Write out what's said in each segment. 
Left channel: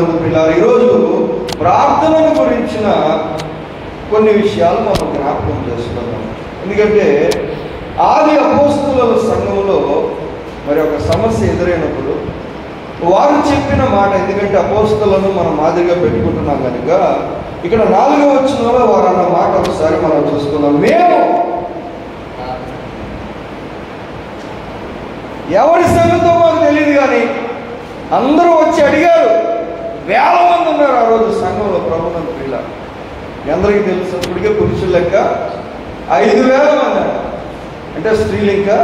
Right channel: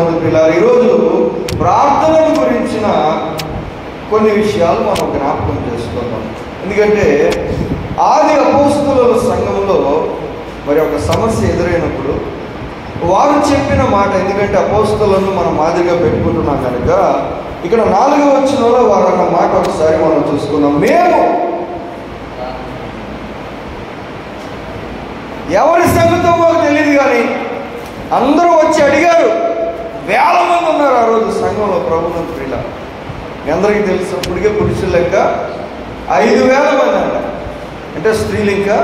ప్రభునందు పిల్లలు, ఈరోజు ప్రార్థన గురించిన కొన్ని విషయాలు మనం జ్ఞాపకం చేసుకుందాం. ఎందుకంటే ఆది అపోస్తలుల సంఘములో మరి ఒక సమస్య ఎదురైనప్పుడు వారు చెప్పిన మాట, ఎందుకంటే అపోస్తలులను మనం మాదిరిగా పెట్టుకుంటున్నాం కనుక ఇక్కడ 4వ వచనంలో వారు అన్న మాట ఒకసారి మనం చూసుకుందాం. మేము ఎవరి సంగతో మాకు తెలియదు కానీ అందరూ వచ్చి అడిగారు. వేల మంది ఉన్నారు ఆ రోజు సంఘంలో ప్రభునందు పిల్లలు. మీ అందరికీ తెలుసు, ఇప్పటికే పురుషులు లెక్క 5,000 మంది అంటే స్త్రీలు. ఇంకా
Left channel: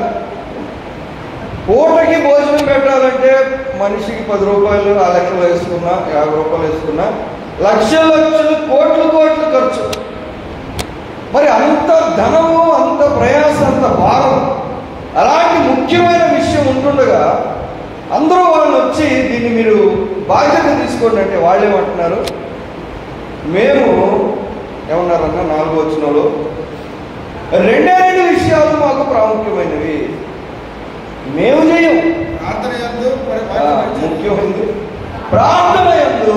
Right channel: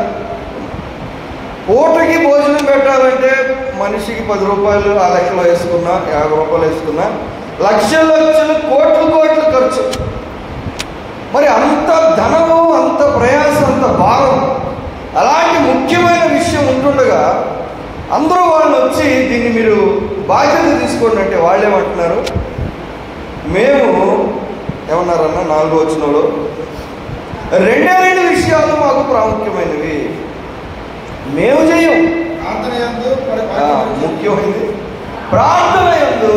పూటకి భోజనం పెట్టాలంటే మనిషికి 10 రూపాయలు ఆ లెక్కలో వేసుకున్నా, 50 రూపాయలు వేసుకున్నా, లక్షలు లక్షలు కోట్లు కోట్లు ఖర్చు. మరి అంత ధనము, అంత ప్రయాసం, అంత భారం, అలాంటి ముఖ్యమైన విషయం ఉంటుండగా అందరూ వాళ్ళు వచ్చి దీన్ని మీరు బాధ్యత తీసుకోండి అంటే వాళ్ళు ఏమంటున్నారు? మేము ఏమన్నారన్నా 4వ వచనంలో 2 విషయాలు మాకు ప్రాముఖ్యమైనవి. మేము చేయం. ముఖ్యమైనది ప్రార్థన యందు,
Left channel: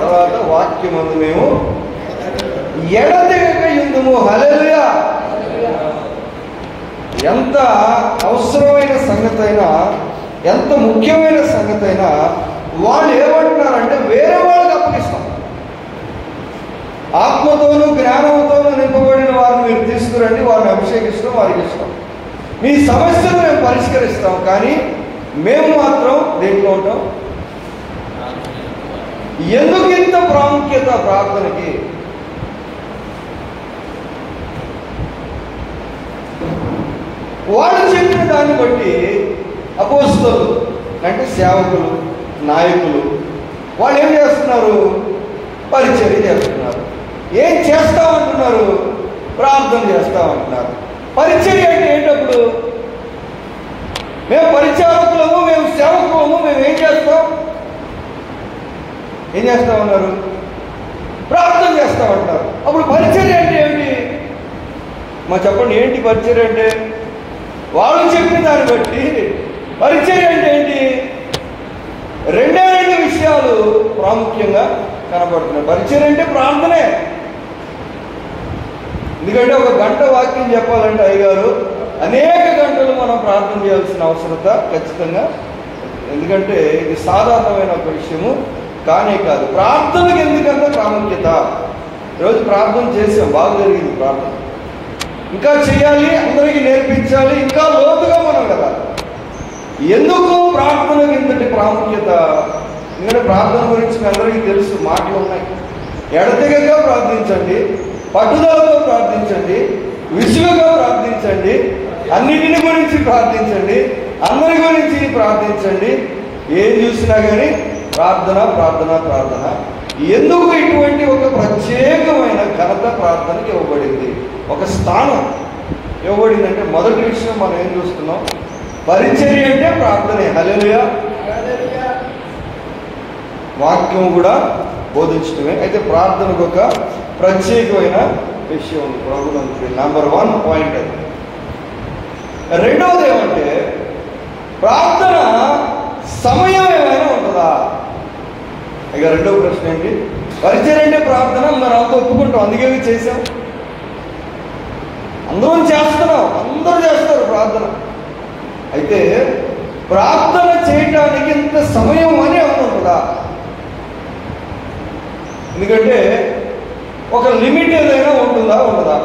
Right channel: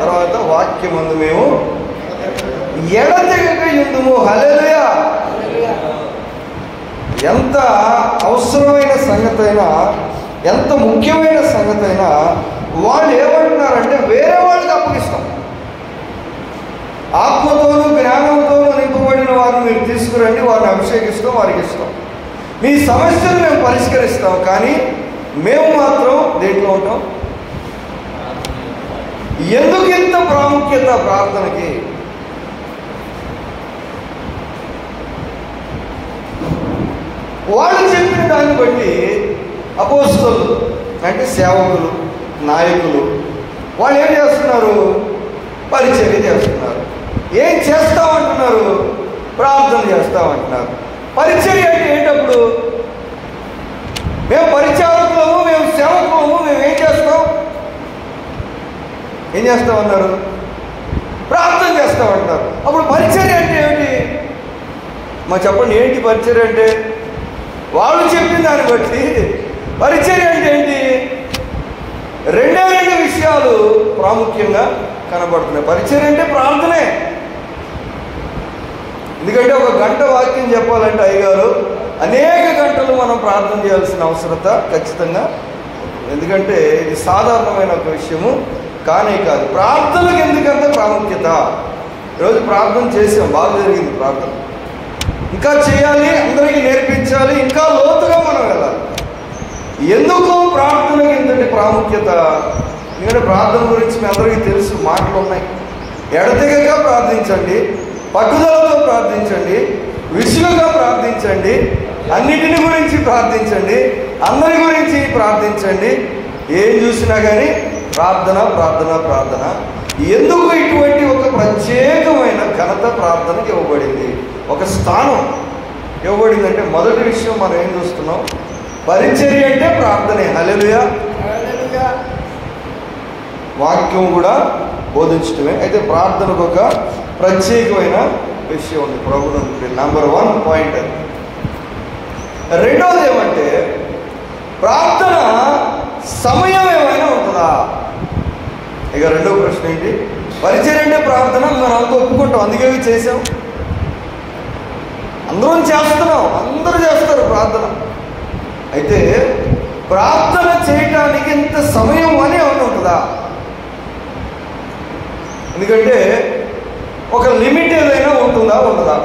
తర్వాత వాక్యమందు మేము ఎడతెగక యుందుము. హల్లెలూయా! ఎంత అవసరమైన సంగతి అయినా, ఎంత ముఖ్యమైన సంగతి అయినా వాళ్ళు ఏమంటున్నారంటే వేరే వాళ్ళకి అప్పగిస్తాం. ఆత్మతోనూ జ్ఞానంతోనూ నింపబడిన వారిని మీరు తీసుకురండి, వారిని అభిషేకిస్తాం, వారికి ఇస్తాం. మీ సమస్యను మేము పరిష్కరిస్తాం, కానీ మేము మాత్రం దేంట్లో ఉంటాం? ఎందుకు ఇంత ప్రాముఖ్యత ప్రార్థనకి? వాళ్ళు చెప్పిన దాన్ని బట్టి అపోస్తలులు అంటే సేవకులు, నాయకులు వాళ్ళు ఏం చేస్తున్నారు? పరిచర్య చేస్తున్నారు. ఏం చేస్తామంటున్నారు? ప్రార్థన చేస్తామంటున్నారు. పరిచర్య అంటే ఏంటప్పుడు? మేము పరిచారకులము, మేము సేవకులము, మేము ఏం చేస్తాం? ఏం చేస్తామన్నారు? ప్రార్థన చేస్తామంటారు. అప్పుడు పరిచర్య అంటే ఏమిటి? మా చెప్పండి, ఏంటి పరిచర్య అంటే? వాళ్ళు చెప్పిన దాన్ని బట్టి పరిచర్య అంటే ఏంటి? 2 విషయాలు ప్రాముఖ్యంగా కనబడుతున్నాయి. పరిచర్య అంటే ప్రార్థనే. ఎందుకంటే 1 గంట వాక్యం చెప్పాలంటే అయ్యగారు అనేక గంటలు మనం ప్రార్థన చేయాల్సిన అవసరత ఖచ్చితంగా. ఎందుకంటే ఇది సాధారణమైన ఒక విషయము కానే కాదు. ప్రార్థనకు ఎందుకంటే ప్రాముఖ్యత. ఈరోజు ప్రార్థన చేసాం, బాగా జరిగింది ప్రార్థన. ఇంకా చేయాలి, అందరికీ నేర్పించాలి, ఇంకా లోతుగా మనం వెళ్ళాలి. ఎందుకు ప్రార్థనకి ఇంతటి ప్రాముఖ్యత? ఎందుకంటే ప్రార్థన గురించి మీ అందరికీ తెలుసు, మాటలు ఉన్నాయి. ఎడతెగక ప్రార్థించండి, పట్టుదలతో ప్రార్థించండి, విసులుగా ప్రార్థించండి, అన్నిటిని గురించి ప్రార్థించండి, అందరి గురించి ప్రార్థించండి. ఏం చూసినా కానీ ప్రార్థన ప్రార్థన ప్రార్థన. ఎందుకు ఇటువంటి ఒక ప్రత్యేకమైన ఘనత ప్రార్థనకి ఇవ్వబడింది, ఒక స్థానం ఇవ్వబడింది అంటే మొదటి విషయం మనం ఏం చూస్తున్నాం? పరిచర్య అంటే ప్రార్థనే. హల్లెలూయా! వాక్యం కూడా బోధించటమే. అయితే ప్రార్థనకు ఒక ప్రత్యేకమైన విషయం ఉంది ప్రభువుకి. నంబర్ 1 పాయింట్ అది. రెండవది ఏమంటే ప్రార్థన సమయం ఏమైనా ఉంటుందా? ఇక రెండవ ప్రశ్న ఏంటి? పరిచర్య అంటే ప్రార్థన మనం అంతా ఒప్పుకుంటాం, అందుకే చేసాం, అందరం చేస్తున్నాం, అందరూ చేస్తారు ప్రార్థన. అయితే ప్రార్థన చేయటానికి ఇంత సమయం అని ఉంటుందా? ఎందుకంటే ఒక లిమిట్ ఏదైనా ఉంటుందా, ఉండదా?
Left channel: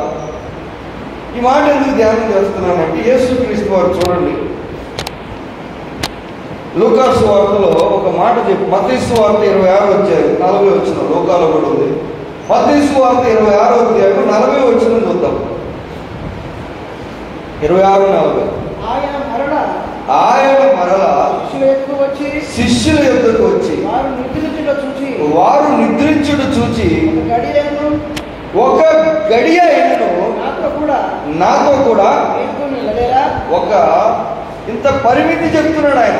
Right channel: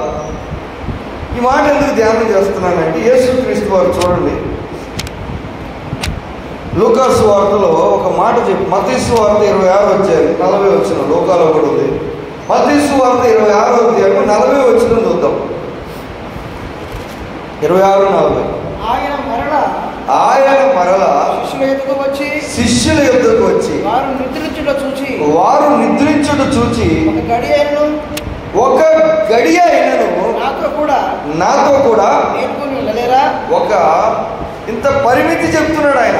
ఈ మాట ఎందుకు ధ్యానం చేస్తున్నానంటే యేసుక్రీస్తు వారు చూడండి, లూకాసు వార్తలో ఒక మాట చెప్పి, మత్తయి వార్త 26 వచ్చారు 40 వచ్చిన లోకాలో కూడా ఉంది. మత్తయి వార్త 26వ అధ్యాయం 40 వచ్చిన చూద్దాం. 26:40. ఆయన మరలా శిష్యుల యొద్దకు వచ్చి వారు నిద్రించుట చూచి ఒక గడియ అయినను నాతో కూడా ఒక ఇంత పరిమితి చెప్తున్నాడు ఆయన.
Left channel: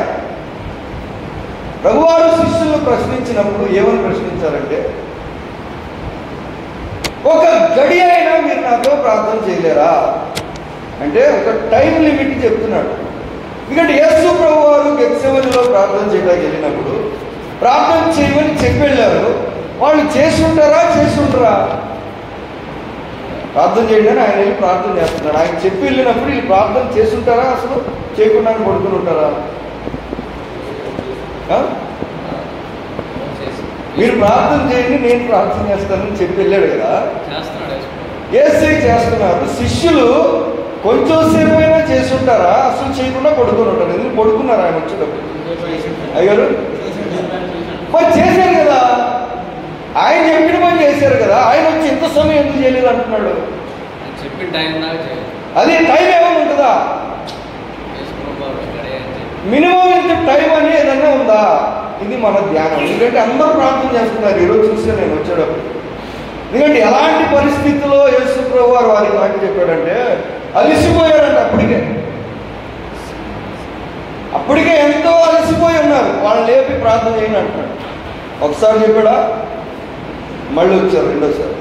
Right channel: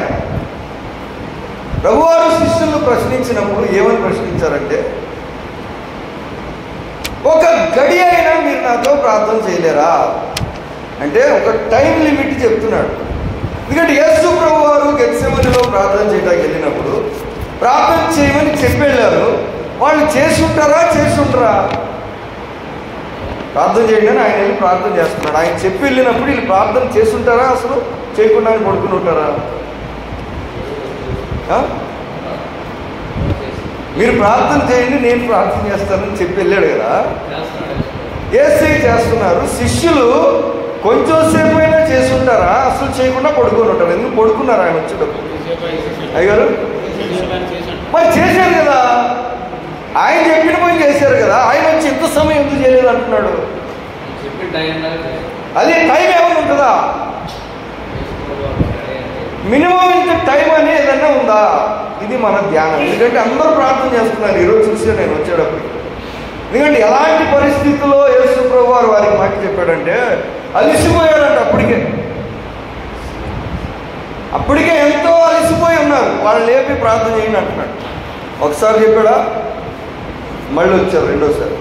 ప్రభువారు శిష్యులను ప్రశ్నించినప్పుడు ఏమని ప్రశ్నించారంటే, ఒక గడియ అయినా మీరు నాతో ప్రార్థన చేయలేరా అంటే ఒక టైం లిమిట్ చెప్తున్నాడు. ఎందుకంటే యేసు ప్రభువారు గెత్సెమనీలో ప్రార్థన చేయడానికి వెళ్ళినప్పుడు ప్రార్థన చేయమని చెప్పి వెళ్ళారు. వాళ్ళు చేసి ఉంటారా? ప్రార్థన చేయడానికి ఆయన వెళ్ళి ప్రార్థన చేస్తున్నారు. ఆయన చెప్పి వెళ్ళినప్పుడు వీళ్ళు ప్రార్థన చేస్తుంటారా? అసలు చేయకుండా పడుకుని ఉంటారా? మీరు ప్రార్థన చేయండి, నేను ప్రార్థన చేస్తానని చెప్పి వెళ్ళాడు కదా. యేసే చేస్తున్నారు. శిష్యులు కొంచెం సేపు అయినా చేస్తుంటారా? అసలు చేయకుండా పడుకొని ఉంటారు. ఎందుకు పడుకున్నారు? ఆయన వచ్చేటప్పుడు అయ్యారు మరి చేశారు కదా, ఆయన చెప్పిన పని చేశారు కదా. ఆయన వచ్చి ఎంత సమయం ఎందుకు చేయలేదు అంటున్నాడు. అదే టైం ఏమైనా ఉంటుందా? మినిమం ఇంత టైం అని ఏదైనా ఉందా? ఇది మన ధ్యానం. ఎందుకంటే అందరూ ప్రార్థన చేస్తున్నారు. ఈరోజు చూసి నేను వచ్చేటప్పుడు, ఎందుకంటే ఎలాంటి పరిస్థితుల్లో యేసు ప్రభు వారు వారికి మాట చెప్పాడంటే అలసిపోయారంట. అప్పటికే ఎంతో అలసిపోయి ఉన్నారు. వాళ్ళు లేపి ప్రార్థన చేయండి అంటున్నాడు. ఒకసారి చెప్పాడా, మళ్ళీ వచ్చారు రెండోసారి.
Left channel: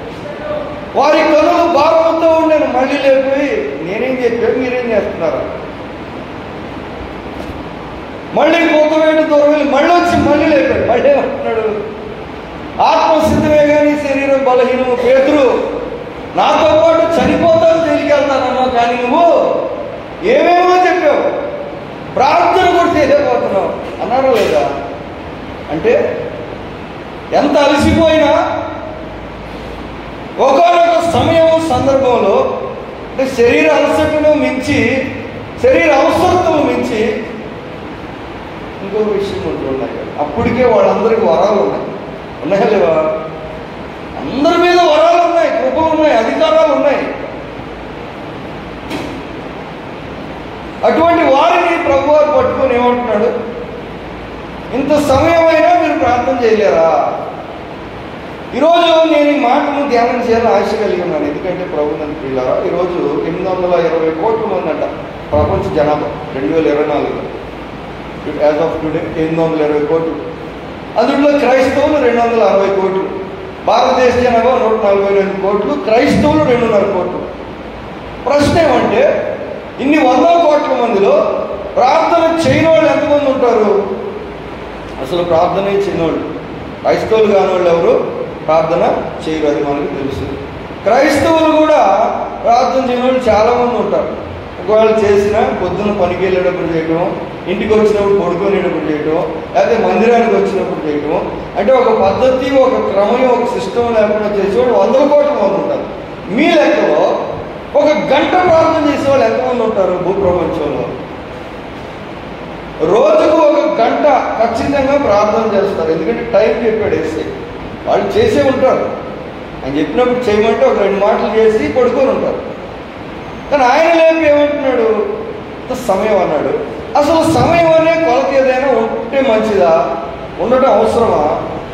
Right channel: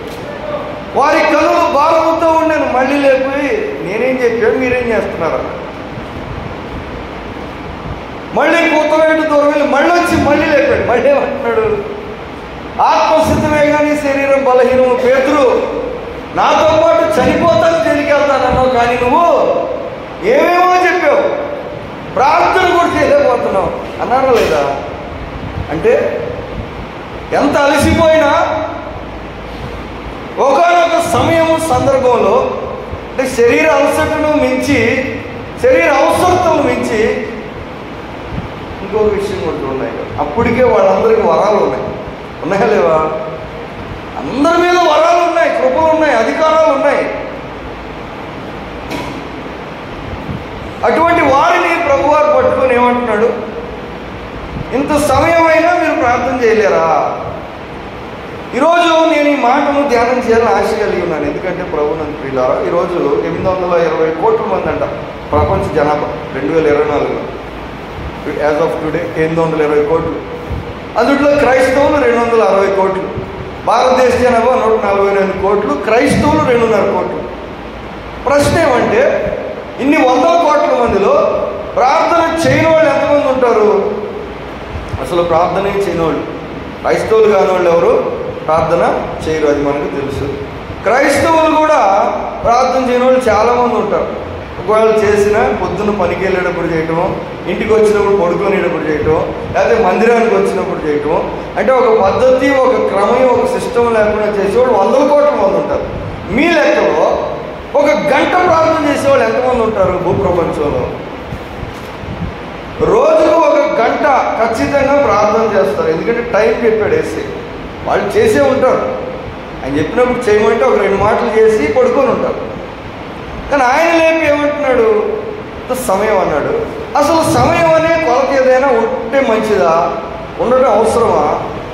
వారి కనులు భారంతో ఉన్నాను. మళ్ళీ లేపి నేనేం చెప్పాను, మీరేం చేస్తున్నారు? మళ్ళీ కొత్తవేట దూరం వెళ్ళి మళ్ళీ వచ్చి మళ్ళీ లేపాడు. మళ్ళీ ఏమంటున్నాడు, ఆత్మసిద్ధమే కానీ శరీరం బలహీనము. పేతురు, నాతో పాటు చనిపోతాను, తెలికెళ్తానన్నావు, కానీ నువ్వు ఏమేమో చెప్పావు, ప్రార్థన కూడా చేయలేకపోతున్నావు అన్నాడు లేదా? అంటే ఎంత అలసిపోయినా ఒకనొక సమయం సందర్భంలో అంటే శరీర అలసటను మించి, శరీర అవసరతను మించి ఇంకో విషయం ఉంటున్నాయి. అప్పటికే వాళ్ళందరికీ వరాలు ఉన్నాయా లేవా? అందరి మీద వరాలు ఉన్నాయి, కృపలు ఉన్నాయి, అధికారాలు ఉన్నాయి. అటువంటి వారిని ప్రభువారు పట్టుకొని ఏమంటున్నాడు, ఇంత సమయమైనా మీరు ప్రార్థన చేయలేరా? ఈరోజు నేను ఈ మాటను ధ్యానం చేయాలని ఆశ కలిగి ఉన్నాను. ఎందుకంటే ప్రభునందు ప్రియులారా, ఈరోజు 820 కోట్ల మంది అంట ప్రపంచ జనాభా 2024 యాజ్ ఆఫ్ టుడే 820 కోట్లు. అందులో క్రైస్తవులు 260 కోట్లు. భారతదేశ జనాభా 142 కోట్లు, క్రైస్తవులు 2.5 కోట్లు. ప్రశ్న ఏమంటే, ఇన్ని 100 కోట్ల మందిలో ప్రార్థన చేయని వాళ్ళు ఎంతమంది ఉంటారు? అసలు ప్రార్థన చేయని వాళ్ళు, క్రైస్తవులు కాని వాళ్ళు ఎవరు ప్రార్థన చేయరు, అది మనకు తెలుసు. క్రైస్తవులు కూడా ప్రార్థన చేయని వాళ్ళు చాలామంది ఉంటారు. ఒకవేళ చేసినా పొద్దున్న పనికి వెళ్ళేటప్పుడు చేయటం, ఇంటికి వచ్చినప్పుడు పడుకునేటప్పుడు చేయటం, లేకపోతే మందిరానికి వచ్చినప్పుడు చేయటం. అంటే ఒక పద్ధతి, ఒక క్రమం, ఒక సిస్టమ్ లేకుండా చేసేవాళ్ళు 100 కోట్ల మంది ఉంటారు. మీ లెక్కలో ఒక గంట ప్రార్థన చేసేవాళ్ళు ఎంతమంది ఉంటారు భూప్రపంచంలో? రోజుకు 1 గంట ఖచ్చితంగా ప్రార్థన చేస్తారు. ఎందుకంటే టైం చెప్పాడు వేసే, వాళ్ళు చేసే ఉంటారు. ఆయన చెప్పినప్పుడు చేయమంటే ఒక 2 మాటలు చేసి పడుకొని ఉంటారు. కానీ ఆయన లేపి ఏమంటున్నాడు, సమయం అన్నాడు. అసలు సమయం అనే కొలత ఏదైనా ఉంటే మంచిదా? ఉండటం అవసరమా?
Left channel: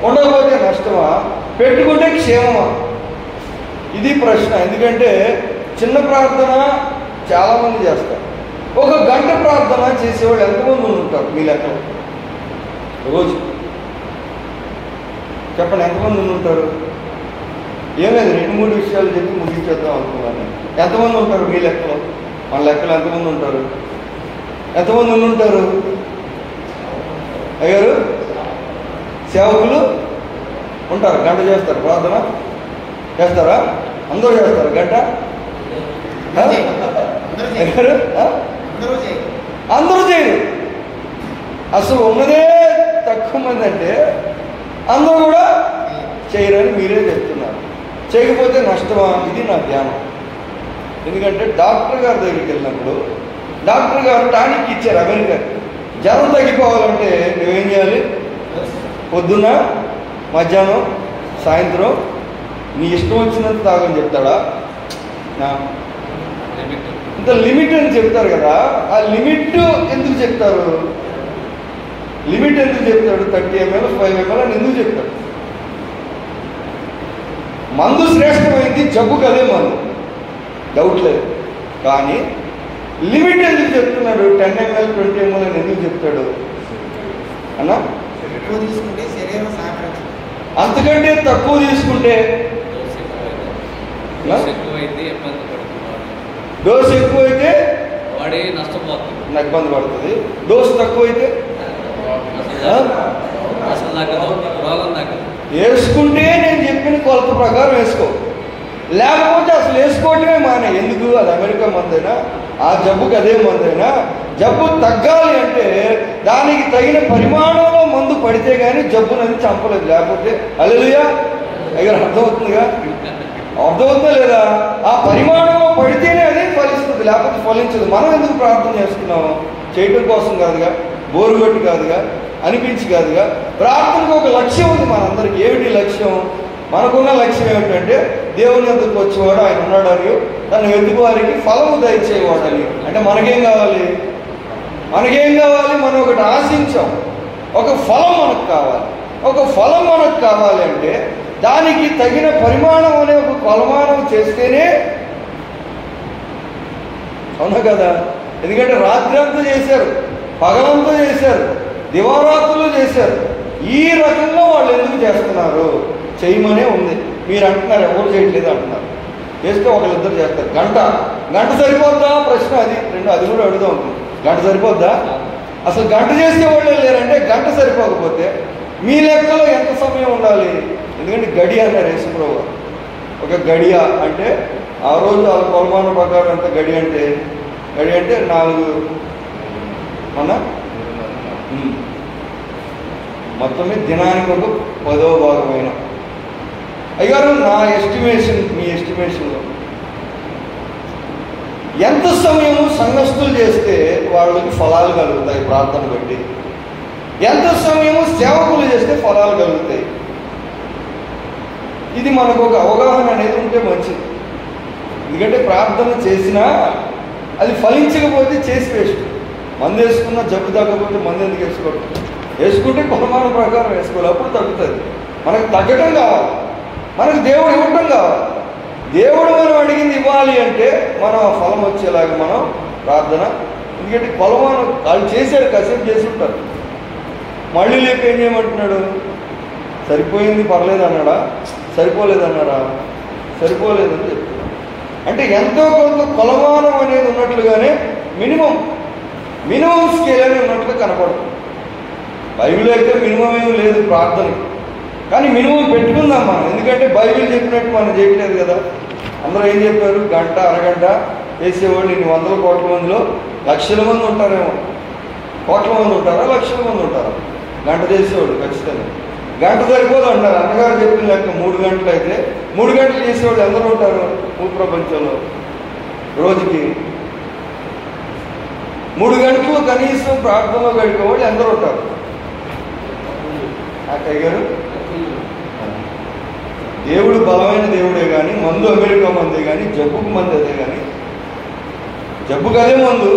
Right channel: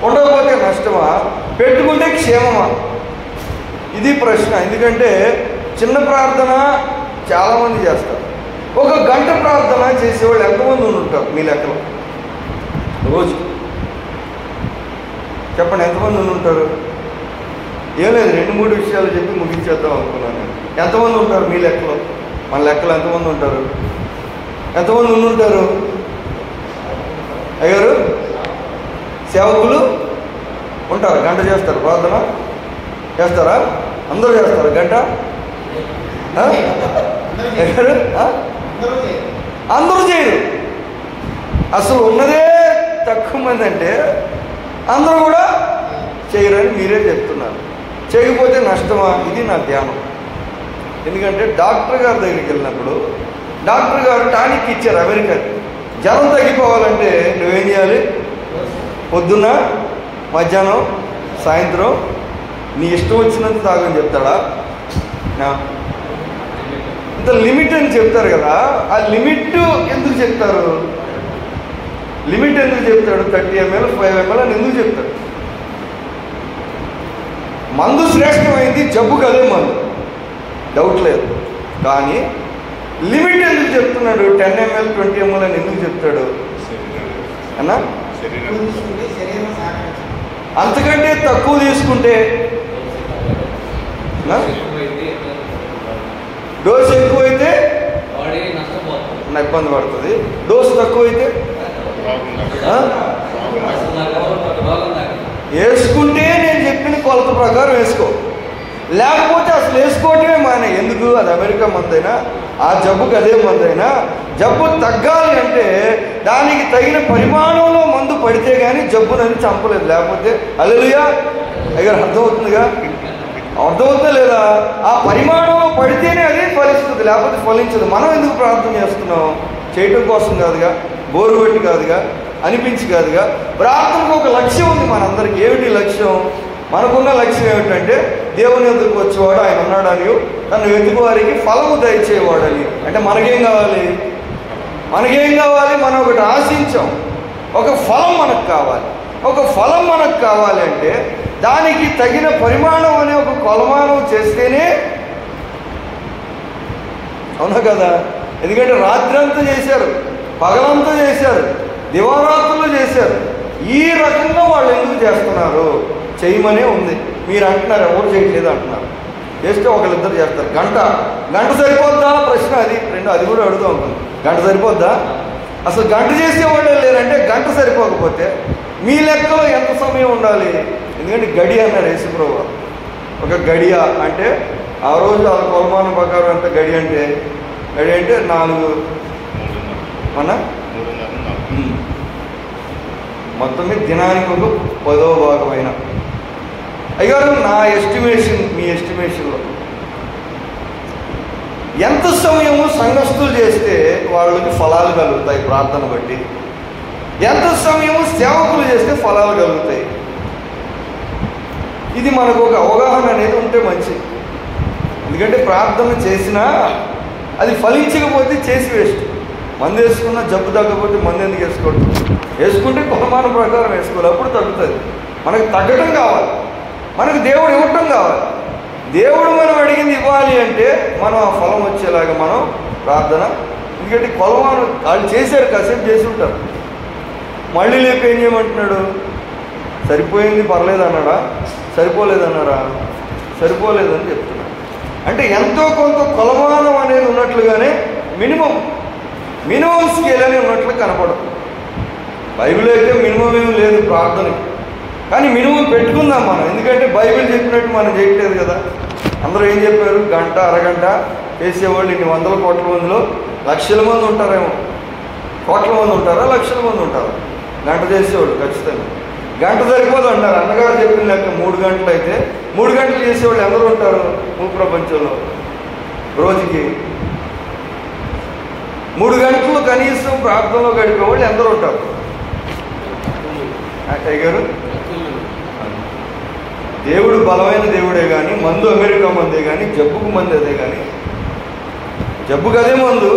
ఉండకపోతే నష్టమా? పెట్టుకుంటే క్షేమమా? ఇది ప్రశ్న. ఎందుకంటే చిన్న ప్రార్థన చాలామంది చేస్తారు. 1 గంట ప్రార్థన చేసేవాళ్ళు ఎంతమంది ఉంటారు మీ లెక్కలో? రోజు చెప్పండి, ఎంతమంది ఉంటారు? ఏం లేదు, 2-3 విషయాలు చెప్పి ముగించేద్దాం అనుకున్నాను. ఎంతమంది ఉంటారు మీ లెక్కలో? మన లెక్కలో ఎంతమంది ఉంటారు? ఎంతమంది ఉంటారు అయ్యారు? సేవకులు ఉంటారు, గంట చేస్తారు. ప్రార్థన చేస్తారా? అందరూ చేస్తారు గంట? అందరూ చేయరు. అసలు ఉన్నదే తక్కువ మంది. అంటే అందరూ కూడా చేయరని మీరే చెప్తున్నారు. చేయకపోతే నష్టమా? ఇది నా ధ్యానం. ఎందుకంటే డాక్టర్ గారి దగ్గరికి వెళ్ళినప్పుడు డాక్టర్ గారు టానిక్ ఇచ్చారు అమెరికాకి. జ్వరం తగ్గిపోవాలంటే నువ్వేం చేయాలి? పొద్దున్న, మధ్యాహ్నం, సాయంత్రం నీ ఇష్టం వచ్చినంత తాగని చెప్తాడా? ఇంత లిమిట్ అని చెప్తారు కదా. ఆ లిమిట్ ఎందుకు చెప్తారు? లిమిట్ ఎందుకు చెప్తాడు? 30 ml 5 ml అని ఎందుకు చెప్తాడు? మందు శ్రేష్టమైంది, జబ్బుకు అదే మందు, డౌట్ లేదు. కానీ లిమిట్ ఎందుకు చెప్తున్నాడు? 10 ml 20 ml అని ఎందుకు చెప్తాడు అన్నా? అంతకంటే తక్కువ తీసుకుంటే డోస్ ఎక్కువైతే ఇబ్బంది పడుతుంది. డోస్ తక్కువైతే వేసుకుంటే నేను చెప్పిన కొలత ప్రకారం వేసుకో, లేకపోతే అసలు వేసుకోవటమే మానే. ఎందుకు? అది అమెరికా మందైనా, ఆ జబ్బుకి అదే మందైనా, జబ్బు తగ్గాలి అంటే దానికి తగిన పరిమాణంలో మందు పడితే కానీ జబ్బునని చంపలేదు. లేకపోతే హల్లెలూయా అయ్యారు. అర్థమవుతుందిగా? అర్థమవుతుందా లేదా? ఆ పరిమాణంలో పడితేనే అది ఫలిస్తుంది, లేకపోతే ఫలించదు. మనం ఎందుకు ప్రార్థన చేస్తున్నాం? చేయటం కోసం కాదుగా, బోరు కొట్టి కాదుగా, అనిపించి కాదుగా. ప్రార్థనకు ఒక లక్ష్యం ఉంది మనందరికి. ఏమిటి లక్ష్యం? మనకున్న లక్ష్యం ఏమిటంటే దేవుని వద్దకు వచ్చేవాడు ఆయన ఉన్నాడని, తను వెతుకు వారికి ఫలము దయచేవాడని. అంటే మనకేం కావాలి? మనం ఒకటి ఆశించాం, ఒక ఫలం మనకు కావాలి. ఒక ఫలం మనకు కావాలంటే దానికి తగిన పరిమాణం అనే ఒక కొలమానం చేస్తేనే, అవునా కదా? ఎందుకంటే రాత్రంతా చేశారు, పగలంతా చేశారు, దివారాత్రులు చేశారు. ఈ రకంగా వాళ్ళు ఎందుకు చేస్తున్నారు? చేయమనే ఉంది. మీరు అంటున్నారు ఎవరు చేయట్లేదు అంటున్నారు. చేస్తే ఒకళ్ళిద్దరు చేస్తారు. గంట సరిపోద్దా? ప్రశ్న అది. అది కూడా అడుగుతూ ఉంటుంది. గంట సరిపోద్దా? అసలు గంట చేసేవాళ్ళే లేరంటే గంట సరిపోకపోతే మీ లెక్కలో ఎంత సమయం ఉండాలి? ఎందుకంటే గడియ అన్నారు యేసుప్రభువు. ఒక గడియ అంటే ఆ రోజు ఆ కొలమానం ప్రకారం అంత గడి అంటే 4 మన మొత్తం మీద దినానికి 10వ భాగమైన. అయ్యారు నా ఎస్టిమేషన్, మీ ఎస్టిమేషన్లో ఎంత సమయము సంఘస్థులు చేస్తే వాళ్ళకి ఫలాలు కలుగుతాయి ప్రార్థన బట్టి? ఎంత సమయము సేవకులు చేస్తే ఫలాలు కలుగుతాయి? ఇది మనకు ఒక అవగాహన అనేది ఉంటే మంచిది. ఎందుకంటే ప్రార్థన చేసినా అది ఫలించకపోతే చేసి వేస్ట్. మందు వేసుకున్నా జబ్బు తగ్గకపోతే మందు ఎందుకు వేసుకోవడం? వేసుకుంటే కొలమాన ప్రకారం వేసుకోవాలి, అప్పుడు తగ్గుతుంది. మనకు తగ్గడం కావాలి, మనకు దేవుడు ఇవ్వటం కావాలి. దేవుడు మనం అడిగింది ఇవ్వాలి అంటే మనం ఆ ఫలం వచ్చేలాగా మనం ప్రార్థన. ఎందుకంటే కొలమానం వాళ్ళు చేశారు, కాసేపు చేసి ఉంటారు, మళ్ళీ లేపు ఏం చేయమంటున్నాడు? సరిపోయింది పర్లేదు అన్నాడా? సరిపోలేదన్నారా? సరిపోలేదని చెప్తున్నాడు. అంటే ఎంతో కొంత కొలమానం అనేది ఉన్నట్లుగానే మినిమం స్కేల్ అని ఉన్నట్లు కనపడుతుంది. బైబిల్ అయితే మినిమం ఏమి లేదు ప్రార్థనకి, కానీ మినిమం పెట్టుకుందాం మనం. ఎందుకంటే బైబిల్ చెప్పినట్టు మనం చేయట్లేదు కదా. అందరూ ఏం చెప్పారు? గంట అరగంట చేసేవాళ్ళు ఇన్ని 100 కోట్ల మందిలో లక్షల మంది ఉంటారేమో. కోట్ల మంది ఉంటారా? లక్షల మంది ఉంటారు గంట చేసేవాళ్ళు. ఖచ్చితంగా గంట సరిపోదు అంటారు. అన్నగారు చెప్పిన లెక్క 3 గంటలు అయితే 3 గంటలు చేసేవాళ్ళు ఎవరు ఉంటారు భూప్రపంచంలో? రోజుకి 3 గంటలు కనీసం ప్రార్థనలో గడిపేవాళ్ళు ఎందరూ ఉంటారు? గారు దేవుడు బలమైన దేవుడే కానీ, మందు అమెరికా మందే కానీ, జబ్బుకు మంది అదే కానీ, జబ్బుకు అదే మందు,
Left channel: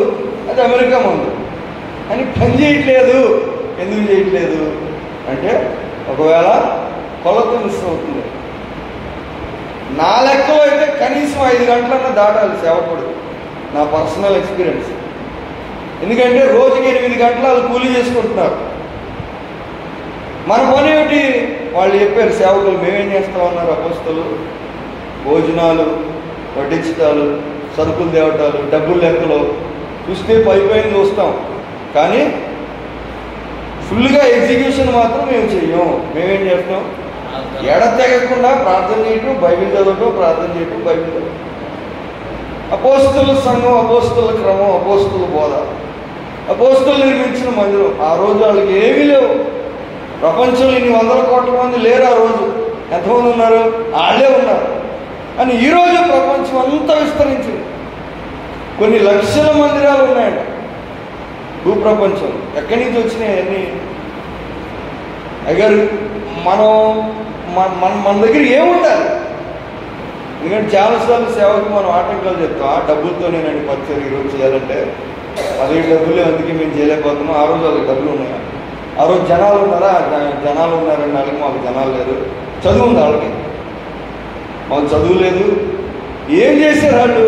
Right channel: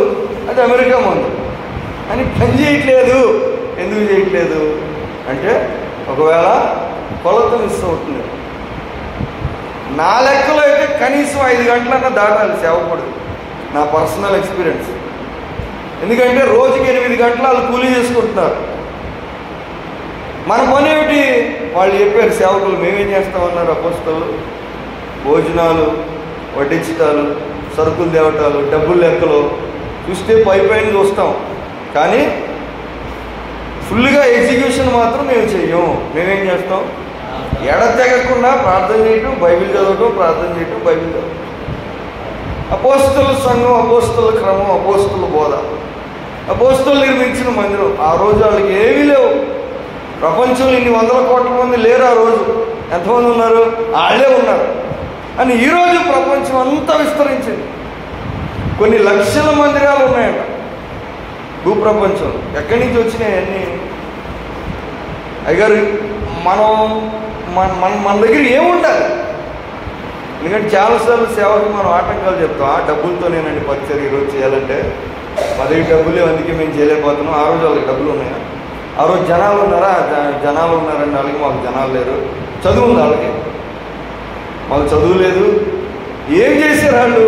అది అమెరికా మందు అని పని చేయట్లేదు. ఎందుకు చేయట్లేదు అంటే ఒకవేళ కొలత మిస్ అవుతుంది. నా లెక్కలో అయితే కనీసం 5 గంటలన్నా దాటాలి సేవకుడు, నా పర్సనల్ ఎక్స్పీరియన్స్. ఎందుకంటే రోజుకి 8 గంటలు వాళ్ళు కూలీ చేసుకుంటున్నారు. మన పని ఏమిటి? వాళ్ళు చెప్పారు సేవకులు, మేమేం చేస్తామన్నారు అపోస్తలు? భోజనాలు వడ్డించటాలు, సరుకులు తేవటాలు, డబ్బులు లెక్కలు చూస్తే పైపైన చూస్తాం, కానీ ఫుల్గా ఎగ్జిక్యూషన్ మాత్రం మేము చెయ్యం. మేమేం చేస్తాం? ఎడతెగకుండా ప్రార్థన చేయటం, బైబిల్ చదవటం, ప్రార్థన చేయటం, బైబిల్ చదవటం. అపోస్తల సంఘం, అపోస్తల క్రమం, అపోస్తల బోధ, అపోస్తలు నిర్మించిన మందిరం. ఆ రోజు వాళ్ళకి ఏమీ లేవు. ప్రపంచంలో ఇన్ని 100 కోట్ల మంది లేరు. ఆ రోజు ఎంతమంది ఉన్నారు? వాళ్ళే ఉన్నారు. అని ఈరోజు ప్రపంచం అంతా విస్తరించింది. కొన్ని లక్షల మందిరాలు ఉన్నాయంట భూప్రపంచంలో. ఎక్కడి నుంచి వచ్చినాయి అన్నీ? అయ్యారు మన దగ్గర ఏముండాలి? ఎందుకంటే చాలాసార్లు సేవకు మనం ఆటంకాలు చెప్తాం. డబ్బులతో నేనండి పరిచయం ఈరోజు చేయాలంటే అదే డబ్బులే, అందుకే మేము చేయలేకపోతున్నాం. ఆ రోజు వాళ్ళకి డబ్బులు ఉన్నాయి. ఆ రోజు జనాలు ఉన్నారా? జనాలు ఉన్నారండి. వాళ్ళకి మాకు జనాలు లేదు. చదువు ఉంది వాళ్ళకి, మాకు చదువు లేదు. ఏం చేశారు వాళ్ళు?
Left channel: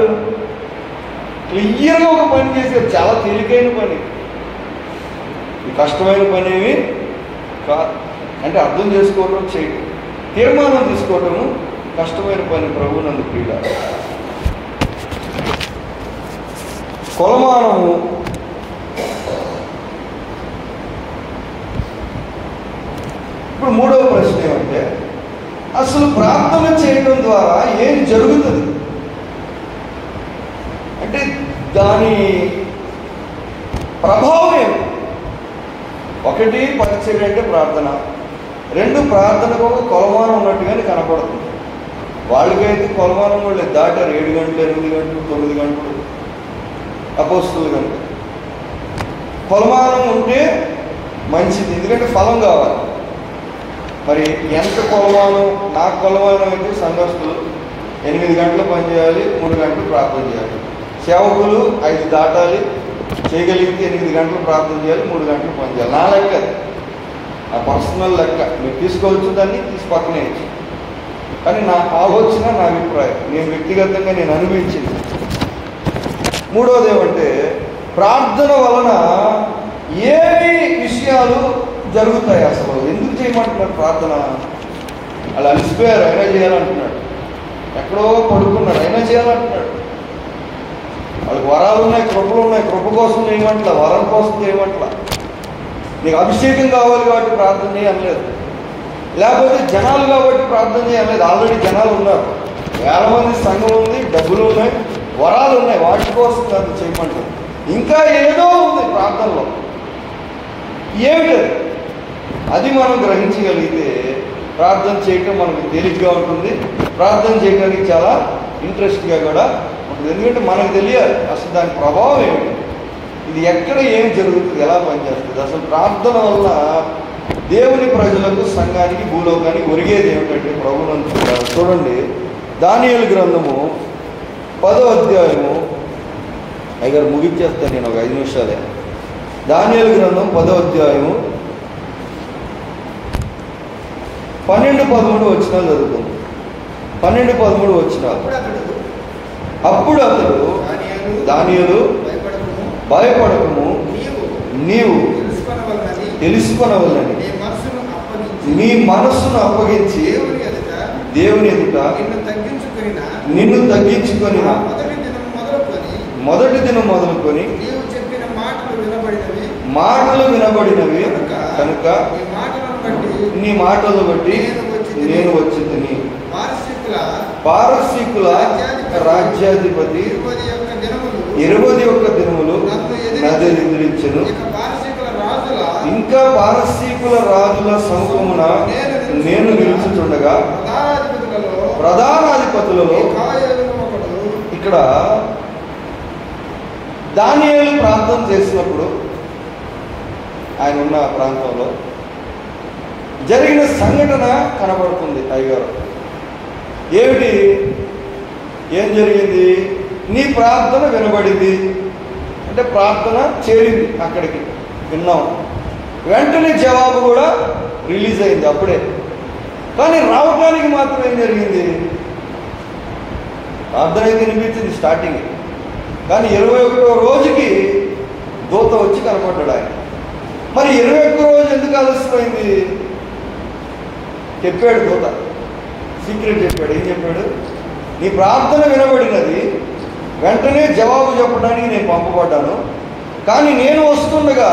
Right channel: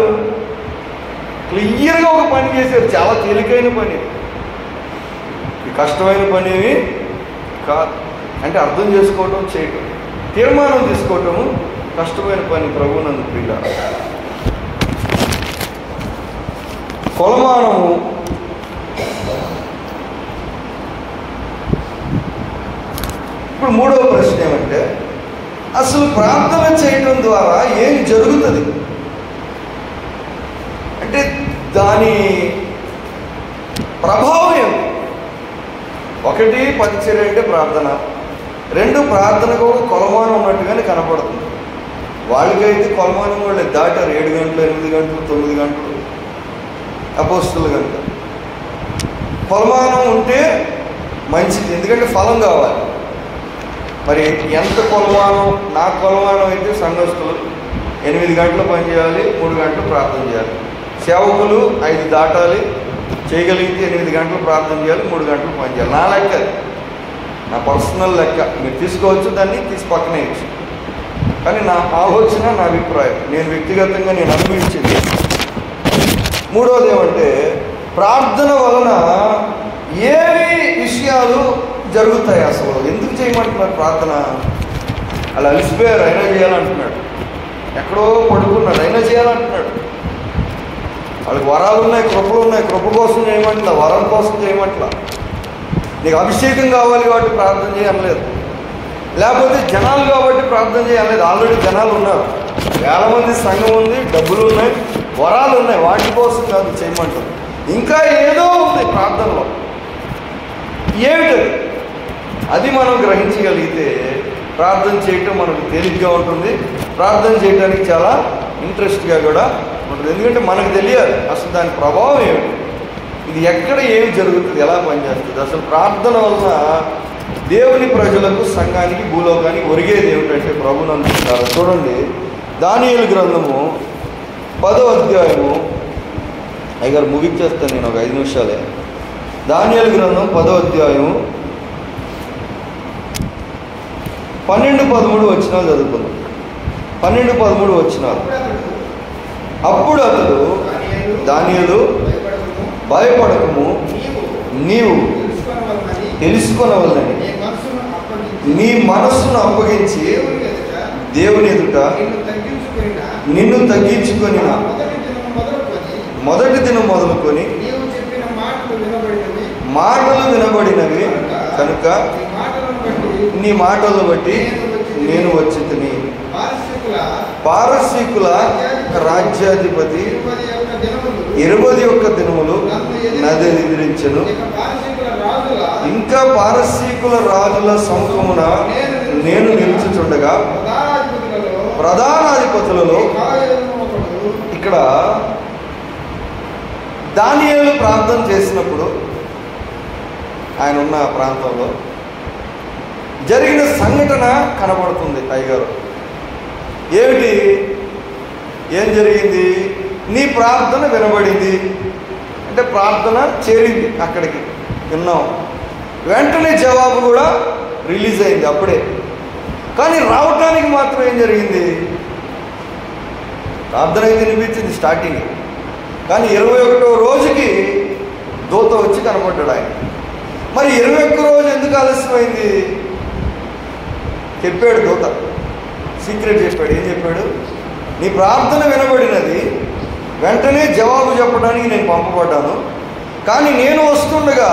క్లియర్గా ఒక పని చేశారు. చాలా తేలికైన పని, ఈ కష్టమైన పని ఏమి కాదు. అంటే అర్థం చేసుకోవటం, చేయటం, తీర్మానం తీసుకోవటము కష్టమైన పని. ప్రభువునందు ప్రియుడా, కొలమానము ఇప్పుడు మూడవ ప్రశ్న ఏమంటే, అసలు ప్రార్థన చేయడం ద్వారా ఏం జరుగుతుంది అంటే దాని ప్రభావం ఏమి? ఒకటి పరిచర్య అంటే ప్రార్థన, రెండు ప్రార్థనకు కొలమానం ఉన్నట్టుగానే కనపడుతుంది. వాళ్ళకైతే కొలమానం వాళ్ళు దాటారు 7 గంటలు 8 గంటలు 9 గంటలు అపోస్తులు గంట. కొలమానం ఉంటే మంచిది, ఎందుకంటే ఫలం కావాలి. మరి ఎంత కొలమానం? నా కొలమానం అయితే సంఘస్థులు 8 గంటలు పనిచేయాలి, 3 గంటలు ప్రార్థన చేయాలి. సేవకులు 5 దాటాలి, చేయగలిగితే 8 గంటలు ప్రార్థన చేయాలి, 3 గంటలు పనిచేయాలి. నా లెక్క, నా పర్సనల్ లెక్క. మీరు తీసుకోవచ్చు, దాన్ని తీసి పక్కనేయచ్చు. కానీ నా ఆలోచన, నా అభిప్రాయం, నేను వ్యక్తిగతంగా నేను అనుభవించింది. మూడవది ఏమంటే, ప్రార్థన వలన ఏవి విషయాలు జరుగుతాయి? అసలు ఎందుకు చేయమంటున్నారు ప్రార్థన? అలా అలిసిపోయారు, అయినా చేయాలంటున్నాడు. ఎక్కడో పడుకున్నాడు, అయినా చేయాలంటున్నాడు. వాళ్ళకి వరాలు ఉన్నాయి, కృపలు ఉన్నాయి, కృప కోసం చేయమంటా, వరం కోసం చేయమంటా. నీకు అభిషేకం కావాలి కాబట్టి ప్రార్థన చేయలేదు, లేకపోతే జనాలు కాబట్టి ప్రార్థన చేయలేదు. ఆల్రెడీ జనాలు ఉన్నారు, 50 మంది సంఘం ఉంది, డబ్బులు ఉన్నాయి, వరాలు ఉన్నాయి, వాటి కోసం కాదు చేయమంటారు. ఇంకా ఏదో ఉంది ప్రార్థనలో. ఏమిటది? అది మనం గ్రహించగలిగితే ప్రార్థన చేయటం మనకు తేలిగ్గా ఉంటుంది, ప్రార్థన చేయడానికి చాలా ఇంట్రెస్ట్గా కూడా ఉంటుంది. ఎందుకంటే మనకు తెలియాలి అసలు దాని ప్రభావం ఏమిటి, ఇది ఎక్కడ ఏం జరుగుతుంది, ఎలా పనిచేస్తుంది. అసలు ప్రార్థన వల్ల దేవుని ప్రజలకు, సంఘానికి, భూలోకానికి ఒరిగేది ఏమిటంటే ప్రభువుని అనుకుంటారు. చూడండి, దానియేలు గ్రంథము 10వ అధ్యాయము. అయ్యగారు ముగించేస్తాను నేను, ఒక 5 నిమిషాలే. దానియేలు గ్రంథం 10వ అధ్యాయము 12-13 వచనాలు చదువుకున్నాం. 12-13 వచనాలు. అప్పుడు అతడు, దానియేలు భయపడకము, నీవు తెలుసుకొనవలనని నీ మనస్సును అప్పగించి దేవుని ఎదుట నిన్ను తగ్గించుకొని మొదటి దినం మొదలుకొని మాటలు వినబడినవి కనుక నీ మాటలను బట్టి నేను వచ్చితిని. పారసీకుల రాజ్యాధిపతి 21 దినములు నది నిద్రించను. ఇంకా పారసీకుల రాజుల సముఖమున నేను నిలుచుచుండగా ప్రధానాధిపతులలో, ఇక్కడ దానియేలు ప్రార్థన చేసినప్పుడు ఆయన ఉన్న ప్రాంతంలో జరిగిన సంఘటన కనబడుతుంది. అయ్యగారు ఏమిటి, ఏం జరిగింది? నీ ప్రార్థన వినబడింది అంటే ప్రార్థన చేరింది, అక్కడికి విన్నాం, వెంటనే జవాబు కూడా రిలీజ్ అయింది అప్పుడే. కానీ రావటానికి మాత్రం ఏం జరిగింది? ప్రార్థన అయితే వినిపించింది స్టార్టింగ్, కానీ 21వ రోజుకి దూత వచ్చి కనపడ్డాడు ఆయన. మరి 21 రోజు ఎందుకు ఆలస్యమైంది? చెప్పాడు దూత, సీక్రెట్ చెప్పాడు. ఏం చెప్పాడు? నీ ప్రార్థన వినబడినది, వెంటనే జవాబు చెప్పడానికి నేను పంపబడ్డాను. కానీ నేను వస్తుండగా,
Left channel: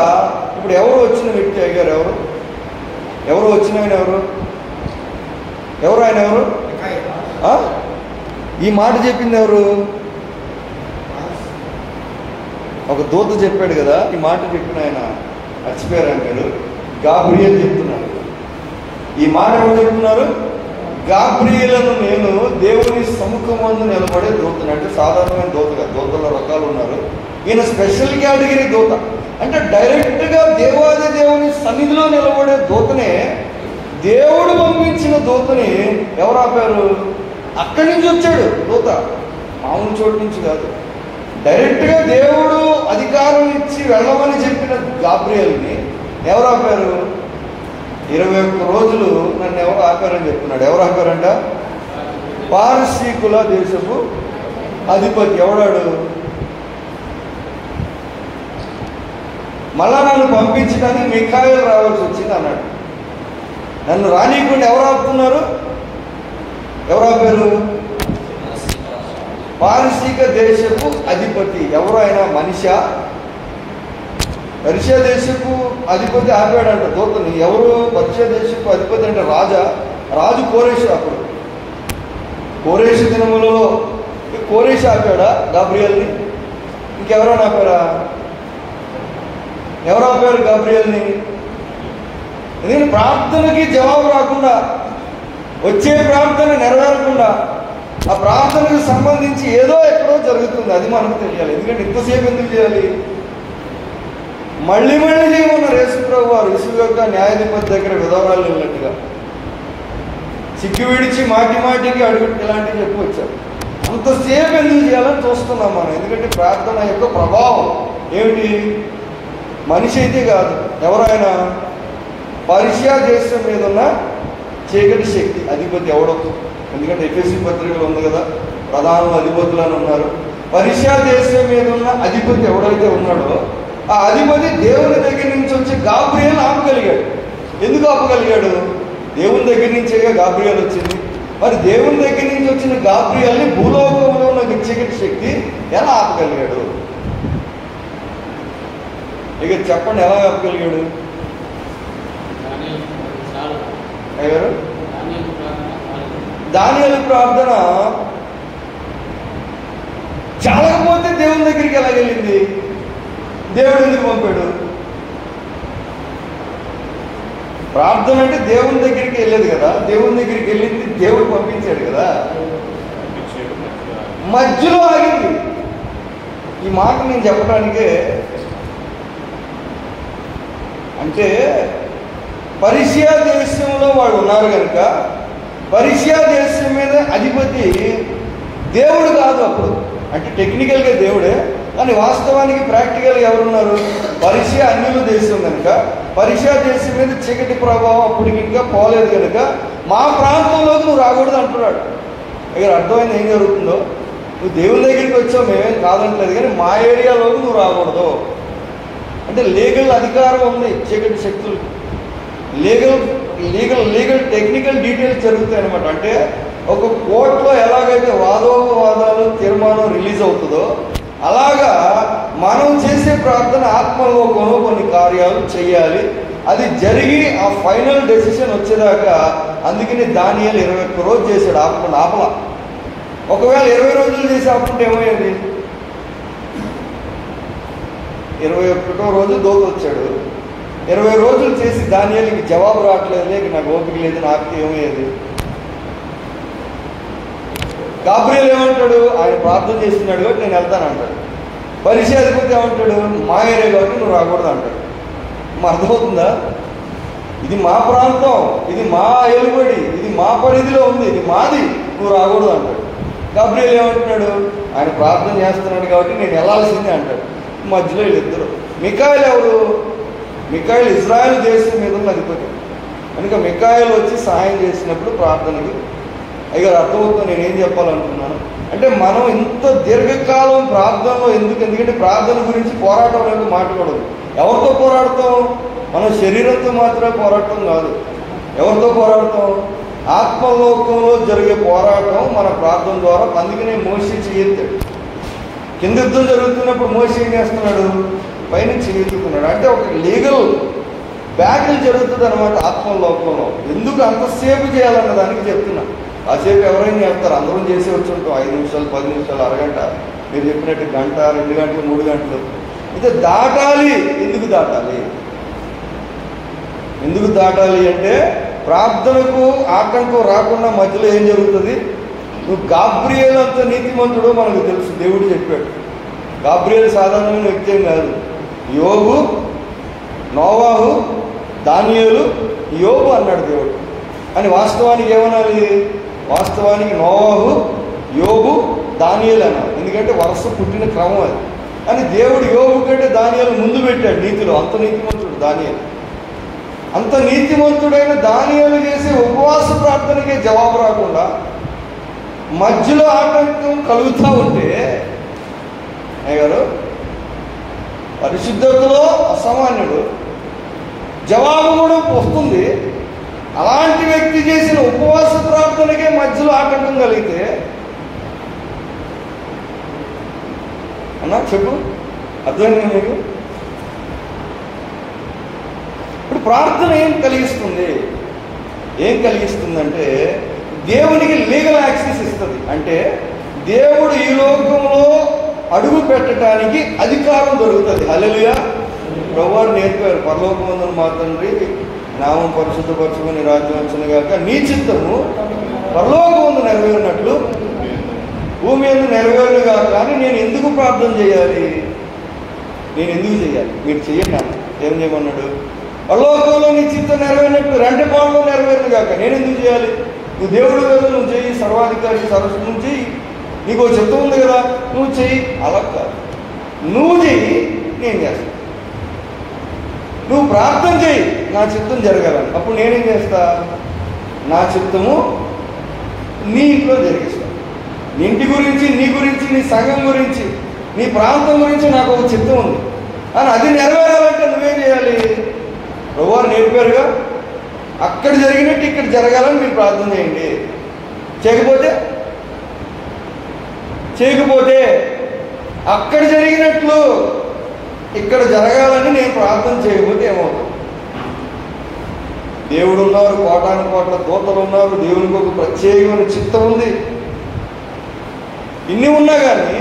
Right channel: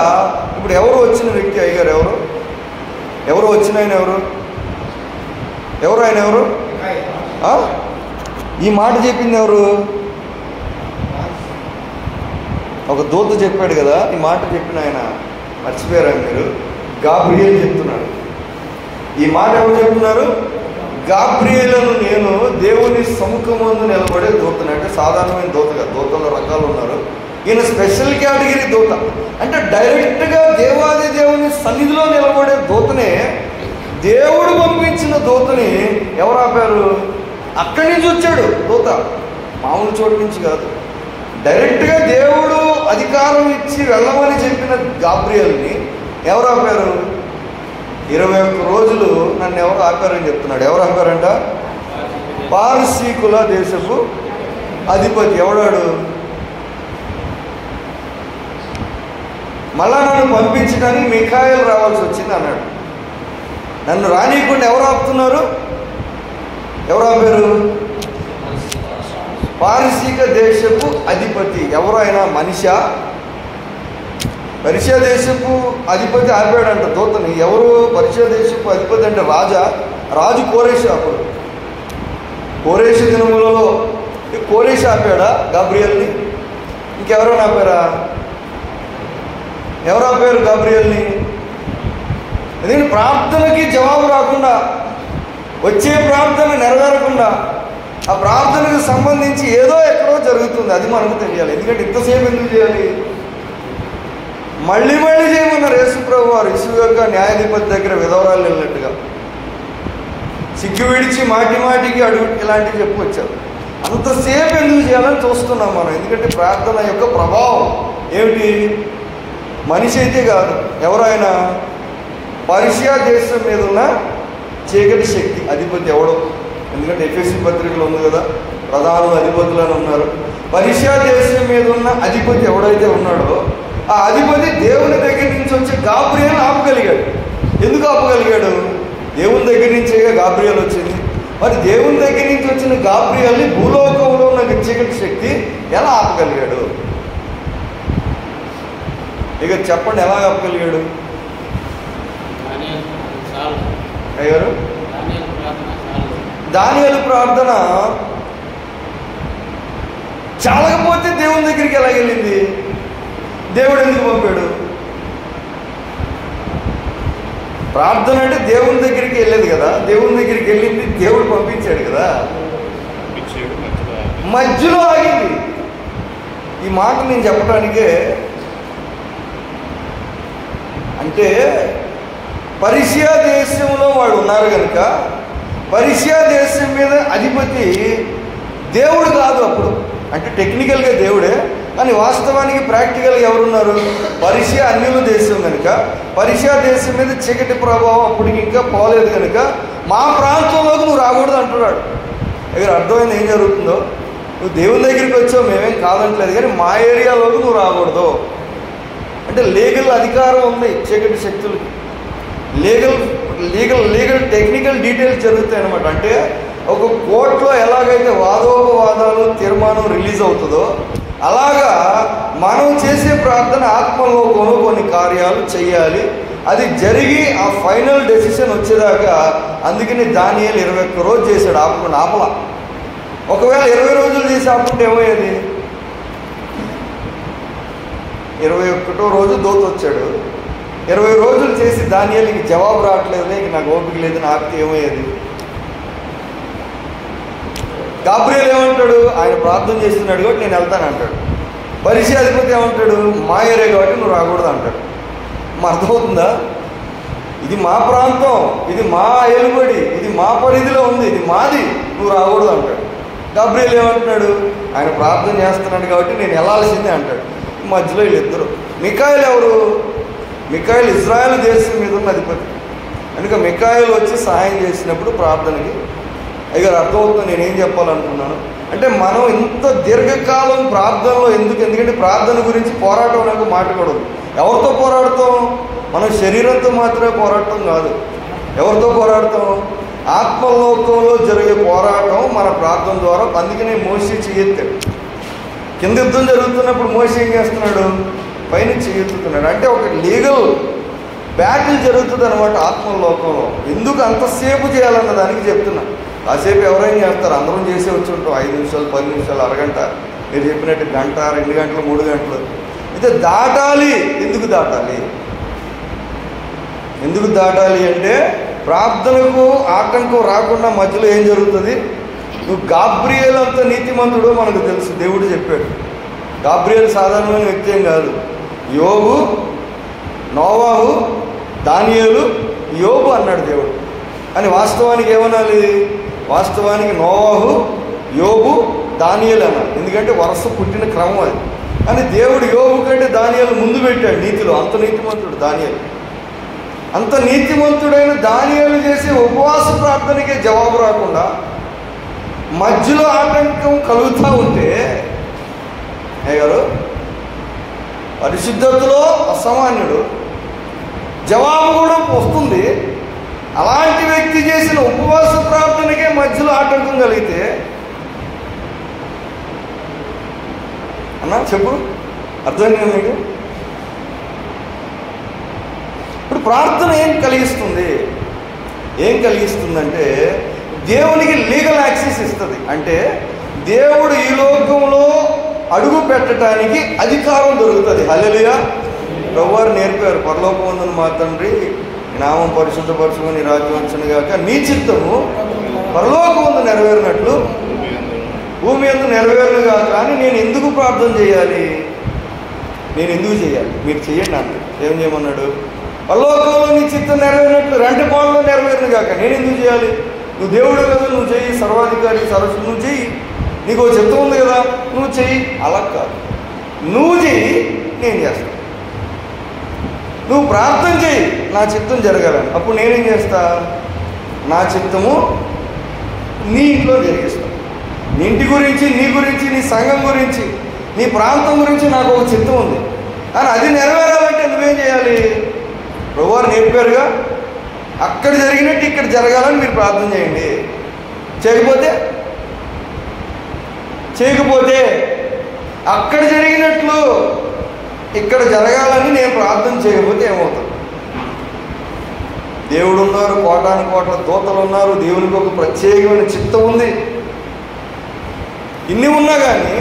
ఇప్పుడు ఎవరు వచ్చిన వ్యక్తి? అయ్యారు ఎవరు వచ్చిన ఆయన? ఎవరు ఆయన? ఈ మాట చెప్పింది ఎవరు? ఒక దూత చెప్పాడు కదా, ఈ మాట చెప్పిన ఆయన మర్చిపోయారా మీరు? గాబ్రియల్ చెప్తున్నారు. ఈ మాట ఎవరు చెప్తున్నారు? గాబ్రియలను నేను దేవుని సముఖమందు నిలబడే దూతను. అంటే సాధారణమైన దూతగా, దూతల్లో రకాలు ఉన్నారు, ఈయన స్పెషల్ కేటగిరీ దూత. అంటే డైరెక్ట్గా దేవాది దేవుని సన్నిధిలో నిలబడే దూతనే, దేవుడు పంపించిన దూతని ఎవరు ఆపారు? అక్కడి నుంచి వచ్చాడు దూత, మామూలు చోటు నుంచి కాదు. డైరెక్ట్గా దేవుడు అధికారం ఇచ్చి వెళ్ళమని చెప్పిన గాబ్రియల్ని ఎవరు ఆపారు? 21 రోజులు నన్ను ఎవరు ఆపారని చెప్తున్నాడు. ఎవరు ఆపారంట? పారసీకుల దేశపు అధిపతి. ఎవడాడు? మళ్ళా నన్ను పంపించడానికి మిఖాయేలు రావాల్సి వచ్చింది అన్నాడు. నన్ను రానీయకుండా ఎవరు ఆపుతున్నారు? ఎవరు ఆపారు? పారసీక దేశపు అధిపతి. ఎవరు ఆయన? మనిషా? పర్షియా దేశపు అధిపతి ఆపాడంట దూతని. ఎవరు పర్షియా దేశపు అధిపతి అంటే రాజు కోరేషు. అప్పుడు కోరేషు దినములలో కోరేషు ఆపాడా గాబ్రియల్ని? ఇంకెవరైనా ఆపారా? ఎవరు ఆపారు గాబ్రియల్ని? ఎందుకంటే ప్రార్థనకి జవాబు రాకుండా, వచ్చే ప్రార్థన నెరవేరకుండా, ఆ ప్రార్థనకు సంబంధించి ఏదో ఎక్కడో జరుగుతుంది. అది మనకు తెలియాలి. ఎందుకంటే ఇంతసేపు ఎందుకు చేయాలి? మళ్ళీ చేయమన్నారు యేసుప్రభు వారు. ఇసుక యొక్క న్యాయాధిపతి దగ్గర విధవరాలు వెళ్ళినట్టుగా సిగ్గు విడిచి మాటికి అడుగు ఇలాంటివి చెప్పుకొచ్చారు. అంతసేపు ఎందుకు చేయాలని చూస్తున్నాం మనం. ఎందుకంటే ప్రార్థన యొక్క ప్రభావం ఏమిటి? మనిషి అయితే కాదు, ఎవరైనా పర్షియా దేశం మీద ఉన్న చీకటి శక్తి అధిపతి ఎవడో. ఎందుకంటే ఎఫెసీ పత్రికలు ఉంది కదా, ప్రధాన అధిపతులని ఉన్నారు. పర్షియా దేశం మీద ఉన్న అధిపతి ఎవడైతే ఉన్నాడో ఆ అధిపతి దేవుని దగ్గర నుంచి వచ్చి గాబ్రియల్ ఆపగలిగాడు. ఎందుకు ఆపగలిగాడు? దేవుని దగ్గర నుంచే గాబ్రియల్ వచ్చింది. మరి దేవుని దగ్గర నుంచి వచ్చిన గాబ్రియల్ని భూలోకంలో ఉన్న చీకటి శక్తి ఎలా ఆపగలిగాడు? ఇక చెప్పండి, ఎలా ఆపగలిగాడు? అయ్యారు దానియేలు ప్రార్థన చాలకపోతే దేవుని దగ్గరికి ఎలా వెళ్ళింది? దేవుడు ఎందుకు పంపాడు? ప్రార్థన అంటే దేవుని దగ్గరికి వెళ్ళేది కదా, దేవుని దగ్గరికి వెళ్ళింది దేవుడు పంపించాడు కదా, మధ్యలో ఆగింది. ఈ మాట నేను చెప్పడానికే, అంటే పర్షియా దేశంలో వాడు ఉన్నారు కనుక పర్షియా దేశం మీద అధిపతి దేవుడు కాదు అప్పుడు. అంటే టెక్నికల్గా దేవుడే, కానీ వాస్తవానికి ప్రాక్టికల్గా ఎవరున్నారు? పర్షియా అన్యుల దేశం కనుక పర్షియా దేశం మీద చీకటి ప్రభావం అప్పటికి ఇంకా పోలేదు కనుక మా ప్రాంతంలోకి నువ్వు రాకూడదు అంటున్నాడు. దగ్గర అర్థమైంది ఏం జరుగుతుందో? నువ్వు దేవుని దగ్గరికి వచ్చావు, మేమేం కాదంటలేదు, కానీ మా ఏరియాలోకి నువ్వు రాకూడదు అంటే లీగల్ అధికారం ఉంది చీకటి శక్తులు. లీగల్ టెక్నికల్ డీటెయిల్స్ జరుగుతాయి అనమాట. అంటే ఒక కోర్టులో ఎలాగైతే వాదోపవాదాలు తీర్మానం రిలీజ్ అవుతుందో అలాగా మనం చేసే ప్రార్థన ఆత్మలోకంలో కొన్ని కార్యాలు చేయాలి. అది జరిగి ఆ ఫైనల్ డెసిషన్ వచ్చేదాకా. అందుకని దానియేలు 21 రోజు చేశాడు, ఆపల. ఒకవేళ 20 రోజులు చేసి ఆపుకుంటే ఏమయ్యేది? 21వ రోజు దూత వచ్చాడు. 20 రోజులు చేసి దానియేలుకి జవాబు రావట్లేదు, నాకు ఓపిక లేదు, నాకు ఏమయ్యేది? గాబ్రియల్ ఏమంటాడు? ఆయన ప్రార్థన చేస్తున్నాడు కాబట్టి నేను వెళ్తాను అంటాడు. పర్షియా అధిపతి ఏమంటాడు? మా ఏరియా కాబట్టి నువ్వు రాకూడదు అంటాడు. మా అర్థమవుతుందా? ఇది మా ప్రాంతం, ఇది మా ఎలుబడి, ఇది మా పరిధిలో ఉంది, ఇది మాది, నువ్వు రాకూడదు అంటాడు. గాబ్రియల్ ఏమంటున్నాడు? ఆయన ప్రార్థన చేస్తున్నాడు కాబట్టి నేను వెళ్ళాల్సిందే అంటాడు. మధ్యలో వీళ్ళిద్దరు. మిఖాయేలు ఎవరు? మిఖాయేలు ఇజ్రాయెల్ దేశం మీద ఉన్న అధిపతి కనుక మిఖాయేలు వచ్చి సహాయం చేసినప్పుడు ప్రార్థనకి అయ్యా అర్థమవుతుంది. నేనేం చెప్పాలనుకున్నాను అంటే మనం ఇంత దీర్ఘకాలం ప్రార్థనలో ఎందుకంటే ప్రార్థన గురించి పోరాటం అనేది మాట్లాడదు. ఎవరితో పోరాడతాం? మనం శరీరంతో మాత్రమే పోరాటం కాదు. ఎవరితో పోరాడతాం? ఆత్మలోకంలో జరిగే పోరాటం మన ప్రార్థన ద్వారా. అందుకనే మోషే చెయ్యెత్తాడు. కింద యుద్ధం జరుగుతున్నప్పుడు మోషే ఏం చేస్తున్నాడు? పైన చెయ్యెత్తుతున్నాడు. అంటే ఒక లీగల్ బ్యాటిల్ జరుగుతుంది అనమాట ఆత్మలోకంలో. ఎందుకు అంతసేపు చేయాలన్న దానికి చెప్తున్నా. కాసేపు ఎవరైనా చేస్తారు, అందరం చేసే వచ్చి ఉంటాం. 5 నిమిషాలు, 10 నిమిషాలు, అరగంట, మీరు చెప్పినట్టు గంట, 2 గంటలు, 3 గంటలు. అయితే దాటాలి. ఎందుకు దాటాలి? ఎందుకు దాటాలి అంటే ప్రార్థనకు ఆటంకం రాకుండా మధ్యలో ఏం జరుగుతుంది? నువ్వు గాబ్రియల్ అంత నీతిమంతుడో మనకు తెలుసు, దేవుడు చెప్పాడు. గాబ్రియల్ సాధారణమైన వ్యక్తి ఏం కాదు. యోబు, నోవాహు, దానియేలు, యోబు అన్నాడు దేవుడు. అని వాస్తవానికి ఏమనాలి? వాస్తవానికి నోవాహు, యోబు, దానియేలు అన్నాడు. ఎందుకంటే వరుస పుట్టిన క్రమం అది. కానీ దేవుడు యోబు కంటే దానియేలు ముందు పెట్టాడు నీతిలో. అంత నీతిమంతుడు దానియేలు. అంత నీతిమంతుడైన దానియేలు చేసే ఉపవాస ప్రార్థనకే జవాబు రాకుండా మధ్యలో ఆటంకం కలుగుతూ ఉంటే గారు పరిశుద్ధతలో అసామాన్యుడు, జవాబు కూడా వస్తుంది. అలాంటి వ్యక్తి చేసిన ఉపవాస ప్రార్థనకే మధ్యలో ఆటంకం కలిగితే అన్నా చెప్పు, అర్థమైంది మీకు? ప్రార్థన ఏం కలిగిస్తుంది? ఏం కలిగిస్తుందంటే దేవునికి లీగల్ యాక్సెస్ ఇస్తుంది. అంటే దేవుడు ఈ లోకంలో అడుగు పెట్టడానికి అధికారం దొరుకుతుంది. హల్లెలూయా. ప్రభువారు నేర్పారు, పరలోకమందున మా తండ్రి నామం పరిశుద్ధపరచుకొని నీ రాజ్యం వచ్చును గాక, నీ చిత్తము పరలోకమందు నెరవేరినట్లు భూమి యందు నెరవేరును గాక. కానీ నేను ఎందుకు ప్రార్థన చేయాలి? నేను ఎందుకు చేయాలి? మీరు చెయ్యండి అన్న. ఏం చేయమన్నాడు? పరలోకంలో నీ చిత్తం నెరవేరినట్లు రెంటి పాలలో నెరవేరును గాక. నేను ఎందుకు చేయాలి? నువ్వు దేవుడి కదా, నువ్వు చెయ్యి, సర్వాధికారి సరస్సు నువ్వు చెయ్యి, నీకు చిత్తం ఉంది కదా, నువ్వు చెయ్యి. అలా కాదు, నువ్వు చెయ్యి, నేను చేస్తాను. నువ్వు ప్రార్థన చెయ్యి, నా చిత్తం జరగాలని. అప్పుడు నేనేం చేస్తా? నా చిత్తము నీ ఇంట్లో జరిగిస్తాను. నీ ఇంటి గురించి, నీ గురించి, నీ సంఘం గురించి, నీ ప్రాంతం గురించి నాకు ఒక చిత్తం ఉంది. అని అది నెరవేరాలంటే నువ్వేం చేయాలి? ప్రభువారు నేర్పారుగా, అక్కడ జరిగినట్టు ఇక్కడ జరగాలని మీరు ప్రార్థన చేయండి. చేయకపోతే అక్కడ జరిగినట్లు ఇక్కడ జరగాలని నేను ప్రార్థన చేయకపోతే ఏమవుతుంది? దేవుడు ఉన్నారు, కోటాను కోట్ల దూతలు ఉన్నారు, దేవునికి ఒక ప్రత్యేకమైన చిత్తం ఉంది. ఇన్ని ఉన్నా కానీ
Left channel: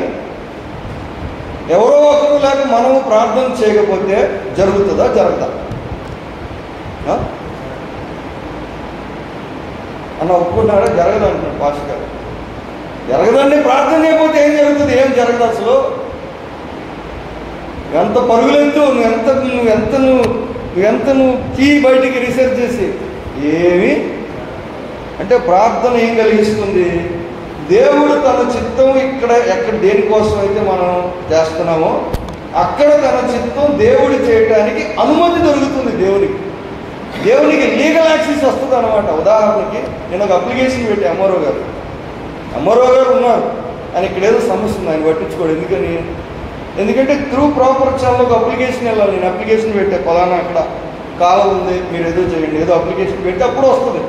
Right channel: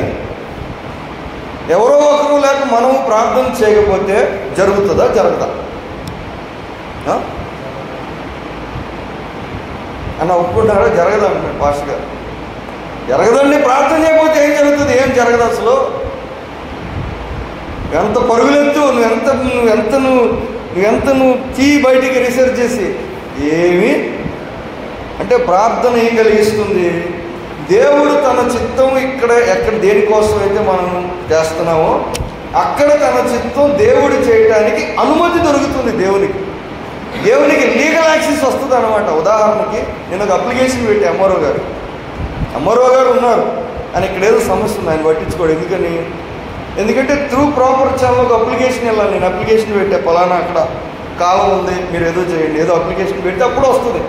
ఎవరో ఒకరు లేక మనము ప్రార్థన చేయకపోతే జరుగుతుందా? జరుగుతా అన్న ఒప్పుకుంటారా? జరగదండి పాస్టర్ గారు. జరగదండి. ప్రార్థన చేయకపోతే ఏం జరుగుతుంది? ఏం జరగదు అసలు. ఎంత పరుగులెత్తు, నువ్వు తీ బయటికి రీసెర్చ్ చేసి ఏమి అంటే ప్రార్థన ఏం కలిగిస్తుంది? దేవుడు తన చిత్తం ఎక్కడ దేనికోసం అయితే మనం చేస్తున్నామో అక్కడ తన చిత్తం దేవుడు చేయడానికి అనుమతి దొరుకుతుంది. దేవునికి లీగల్ యాక్సెస్ వస్తుంది అనమాట. ఉదాహరణకి నేను ఒక అప్లికేషన్ పెట్టి అమ్మారావు గారు ఉన్నారు అని ఇక్కడ ఏదో సమస్య ఉంది, ఆయన పట్టించుకోడు. ఎందుకంటే త్రూ ప్రాపర్ ఛానల్ ఒక అప్లికేషన్ వెళ్ళాలి. నేను అప్లికేషన్ పెట్టే పలానా అక్కడ కావాలి ఉంది, మీరు ఏదో చేయండి, ఏదో అప్లికేషన్ పెట్టి అప్పుడు వస్తుంది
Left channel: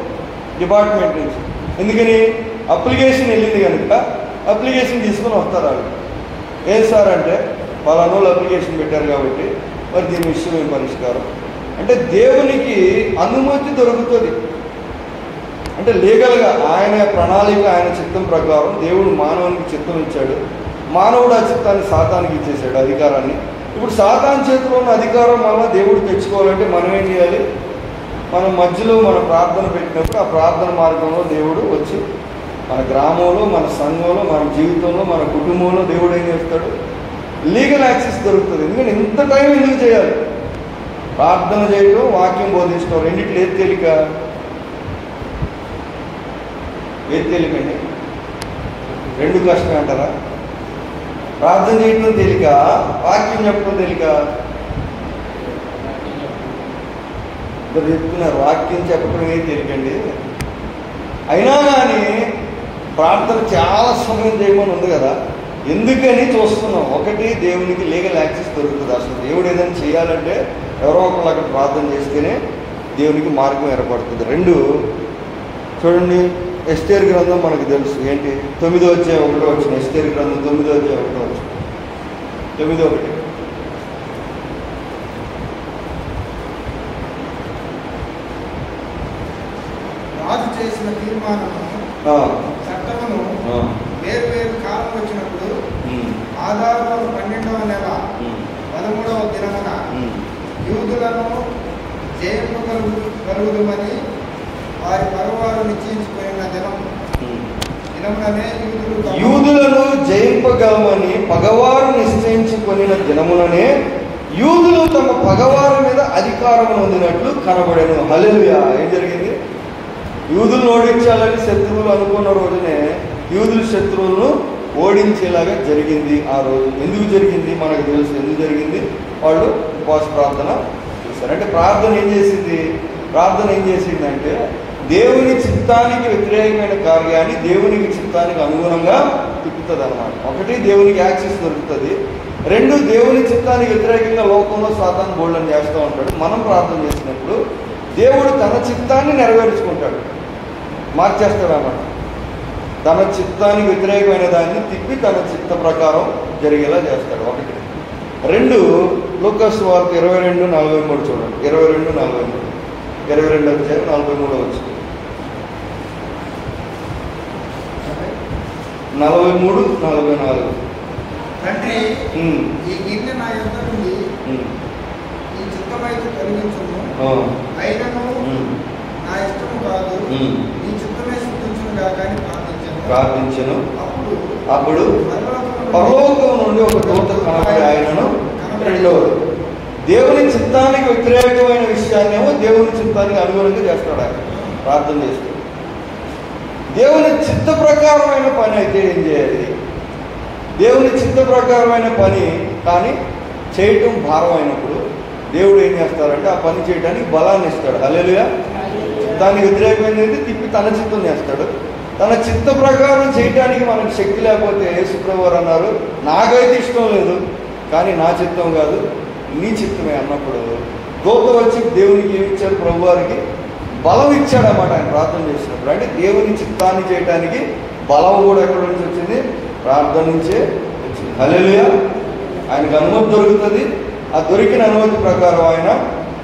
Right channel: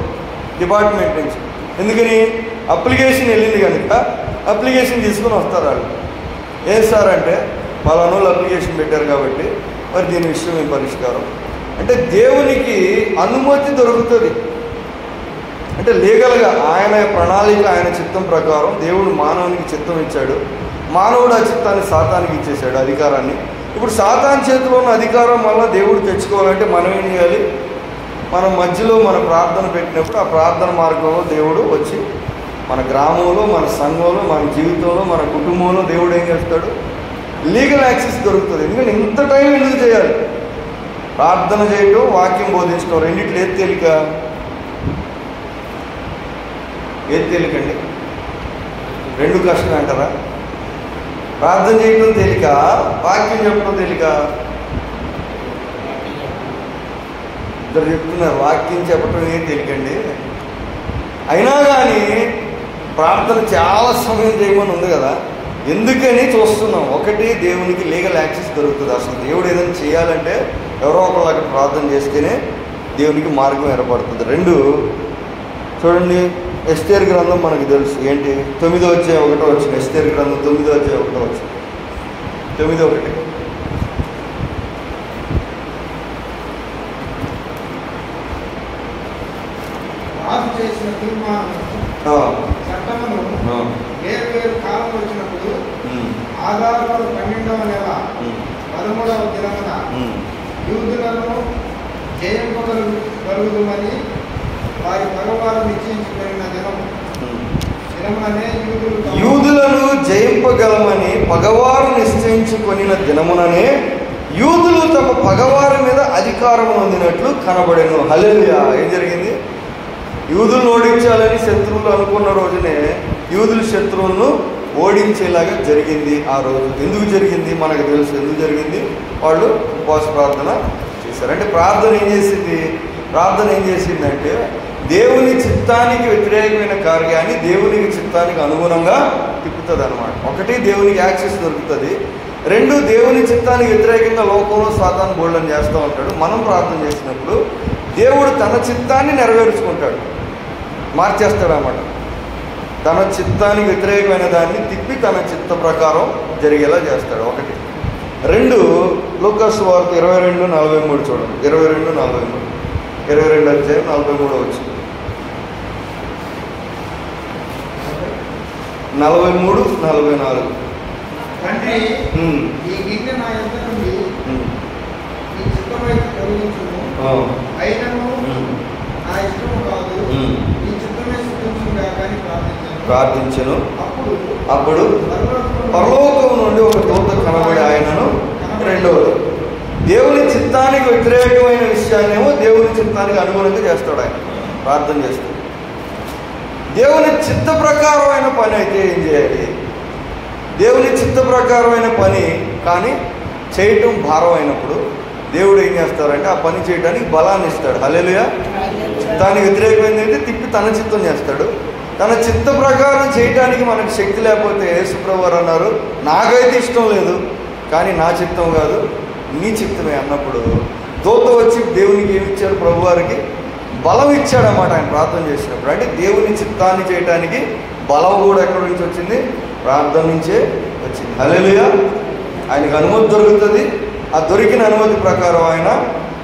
డిపార్ట్మెంట్ నుంచి. ఎందుకని? అప్లికేషన్ వెళ్ళింది కనుక అప్లికేషన్ తీసుకొని వస్తారు వాళ్ళు. ఏం సార్ అంటే పలానా వాళ్ళు అప్లికేషన్ పెట్టారు కాబట్టి మరి దీని విషయం ఏం పరిష్కారం అంటే దేవునికి అనుమతి దొరుకుతుంది. అంటే లీగల్గా ఆయన ప్రణాళిక, ఆయన చిత్తం ప్రకారం దేవుడు మానవునికి చిత్తం ఇచ్చాడు. మానవుడు ఆ చిత్తాన్ని సాతానికి ఇచ్చేసాడు, అధికారాన్ని. ఇప్పుడు సాతాన్ చేతిలో ఉన్న అధికారం వల్ల దేవుడు తెచ్చుకోవాలంటే మనం ఏం చేయాలి? మనం మధ్యలో మన ప్రార్థన పెట్టినప్పుడు ఆ ప్రార్థన మార్గంలో దేవుడు వచ్చి మన గ్రామంలో, మన సంఘంలో, మన జీవితంలో, మన కుటుంబంలో దేవుడు ఏం చేస్తాడు? లీగల్ యాక్సెస్ దొరుకుతుంది. ఎందుకంటే ఇంత టైం ఎందుకు చేయాలి? ప్రార్థన చేయడం, వాక్యం బోధించడం, రెండిట్లు ఏది తేలిక? ఏది తేలికండి? రెండు కష్టం అంటారా? ప్రార్థన చేయడం తేలిక, వాక్యం చెప్పడం తేలిక? ఇద్దరు చెప్తున్నారు వాక్యం చెప్పడం ఏం తేలికండి. అయినా కానీ ప్రార్థన చాలా సమయం చేయమని ఉంది కదా, ఎందుకని చూస్తున్నాం. ఒకటి, దేవునికి లీగల్ యాక్సెస్ దొరుకుతుంది. అసలు దేవుడు ఏదైనా చేయాలంటే ఎవరో ఒకళ్ళు అక్కడ ప్రార్థన చేస్తేనే దేవునికి మార్గం ఏర్పడుతుంది. రెండు, చూడండి, ఎస్తేరు గ్రంథం మనకు తెలుసు ఏంటి? 9వ అధ్యాయం 1వ వచనం. ఎస్తేరు గ్రంథం 9వ అధ్యాయం 1వ వచనం. 9:1. రాజు చేసిన తీర్మానం చట్టమును వేరు కాలం వచ్చినప్పుడు ఆదాపు 12వ నెల 13వ దినమున యూదులను జయింపగలుగుమని వారి మగవారు నిశ్చయించుకున్న దినముననే యూదులను జయింపగలమని పగవారు నిశ్చయించుకుని దినముననే యూదులు తమ పగవారి మీద అధికారం పొందినట్లు కనబడెను. హల్లెలూయా. ఏం జరిగింది? యూదులను ఓడించాలని శత్రువులు అనుకున్న రోజునే యూదుల శత్రువులను ఓడించేలాగా జరిగింది ఆ రోజు. ఎందుకు జరిగింది మనకు తెలుసు. ఎందుకు జరిగింది? వాళ్ళు ఉపవాస ప్రార్థన చేశారు. అంటే ప్రార్థన ఏం చేసిందంటే దేవుని చిత్తానికి వ్యతిరేకమైన కార్యాన్ని దేవునికి చిత్తానికి అనుగుణంగా తిప్పుతుంది అనమాట. ఒకటి, దేవునికి యాక్సెస్ దొరుకుతుంది. రెండు, దేవుని చిత్తానికి వ్యతిరేకంగా లోకంలో సాతాను బోల్డని చేస్తూ ఉంటాడు. మనం ప్రార్థన చేసినట్లు దేవుడు తన చిత్తాన్ని నెరవేర్చుకుంటాడు, మార్చేస్తాడు అన్నమాట. తన చిత్తానికి వ్యతిరేకమైన దాన్ని తిప్పి తన చిత్త ప్రకారం జరిగేలా చేస్తాడు. ఒకటి. 2 లూకాసు వార్త 22:43 చూడండి. 22:43, 22 అధ్యాయం 43 వచ్చు. 43:44. తండ్రి, ఈ గిన్నె నా యొద్ద నుండి ఈ చిత్తమైతే తొలగించును. అయినను నా ఇష్టము కాదు, ఈ చిత్తమే సిద్ధించును గాక అని ప్రార్థించను. అప్పుడు పరలోకం నుండి ఒక దూత కనబడి ఆయనను రెండవది దేవుని చిత్తానికి వ్యతిరేకమైన విషయాన్నేమో దేవుని చిత్తానికి అనుగుణంగా చేస్తాడు. ఆయన ప్రార్థన చేస్తాడు. దేవుని చిత్త ప్రకారమైన పని అయితే ఏం చేయాలి? దేవుని చిత్త ప్రకారమైన పని కానీ చేయటం భారం అయినప్పుడు దేవుడు ఏం చేస్తారంటే ఆ పని చేయడానికి బలాన్ని ఇస్తాడు. హల్లెలూయా. చిత్తానికి వ్యతిరేకమైనది తిప్పి తన చిత్తం చేస్తాడు. తన చిత్త ప్రకారం చేయటానికి మనకు శక్తి లేకపోతే యేసుప్రభువు వారు అన్నారు, నాకైతే ఇష్టం లేదు కానీ నా చిత్తం కాదు నీ చిత్తమే అన్నప్పుడు దూత వచ్చి దేవునికి ఏమి ఇచ్చాడు? ప్రభు వారికి బలం ఇచ్చాడన్నమాట. ఆయన ప్రార్థన చేసినప్పుడు అంటే దేవుని చిత్తాన్ని చేయడానికి బలం కూడా ఎక్కడి నుంచి వచ్చింది? ప్రార్థన నుంచే వచ్చింది. హల్లెలూయా. ఆయనకు అనుమతి దొరుకుతుంది. ఆ దొరికిన అనుమతి ప్రకారం ఆయన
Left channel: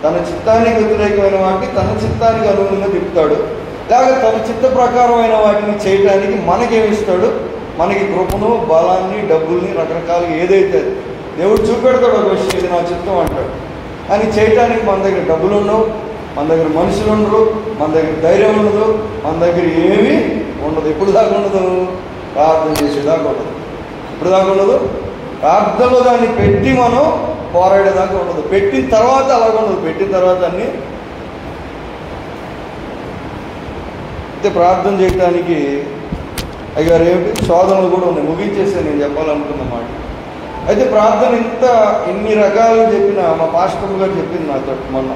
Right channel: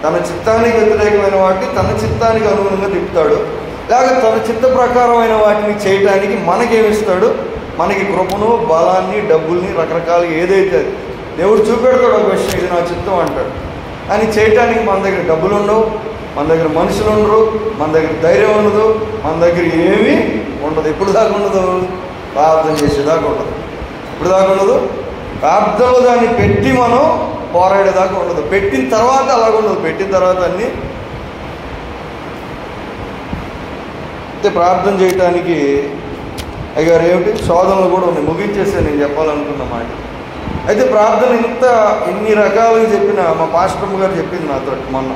తన చిత్తానికి వ్యతిరేకమైన వాటిని తన చిత్తానికి అనుగుణంగా తిప్పుతాడు. లేక తన చిత్త ప్రకారమైన వాటిని చేయటానికి మనకేమిస్తాడు? మనకి కృపను, బలాన్ని, డబ్బుల్ని, రకరకాలు ఏదైతే దేవుడు చూపెడతాడు. ఒక విషయం ఇది నా చిత్తం అంటాడు. కానీ చేయటానికి మన దగ్గర డబ్బులు ఉండవు, మన దగ్గర మనుషులు ఉండరు, మన దగ్గర ధైర్యం ఉండదు, మన దగ్గర ఏమీ ఉండదు. ఎప్పుడు దాకా ఉండదు? ప్రార్థన చేసేదాకా ఉండదు. ఇప్పుడు దాకా ఉండదు. ప్రార్థనలో దాన్ని పెట్టి మనం పోరాడేదాకా ఉండదు. పెట్టిన తర్వాత అలాగ ఉండదు. పెట్టిన తర్వాత అన్నీ అయితే ప్రార్థన చేయటానికి అయ్యారు ఏమిటి శోధనలు కూడా ఉన్నాయి. ముగించేస్తే నేను చెప్పాలనుకున్న మాట. అయితే ప్రార్థన ఎన్ని రకాలుగా చెప్పినా మా పాస్టర్ గారు చెప్పింది నాతో మొన్న,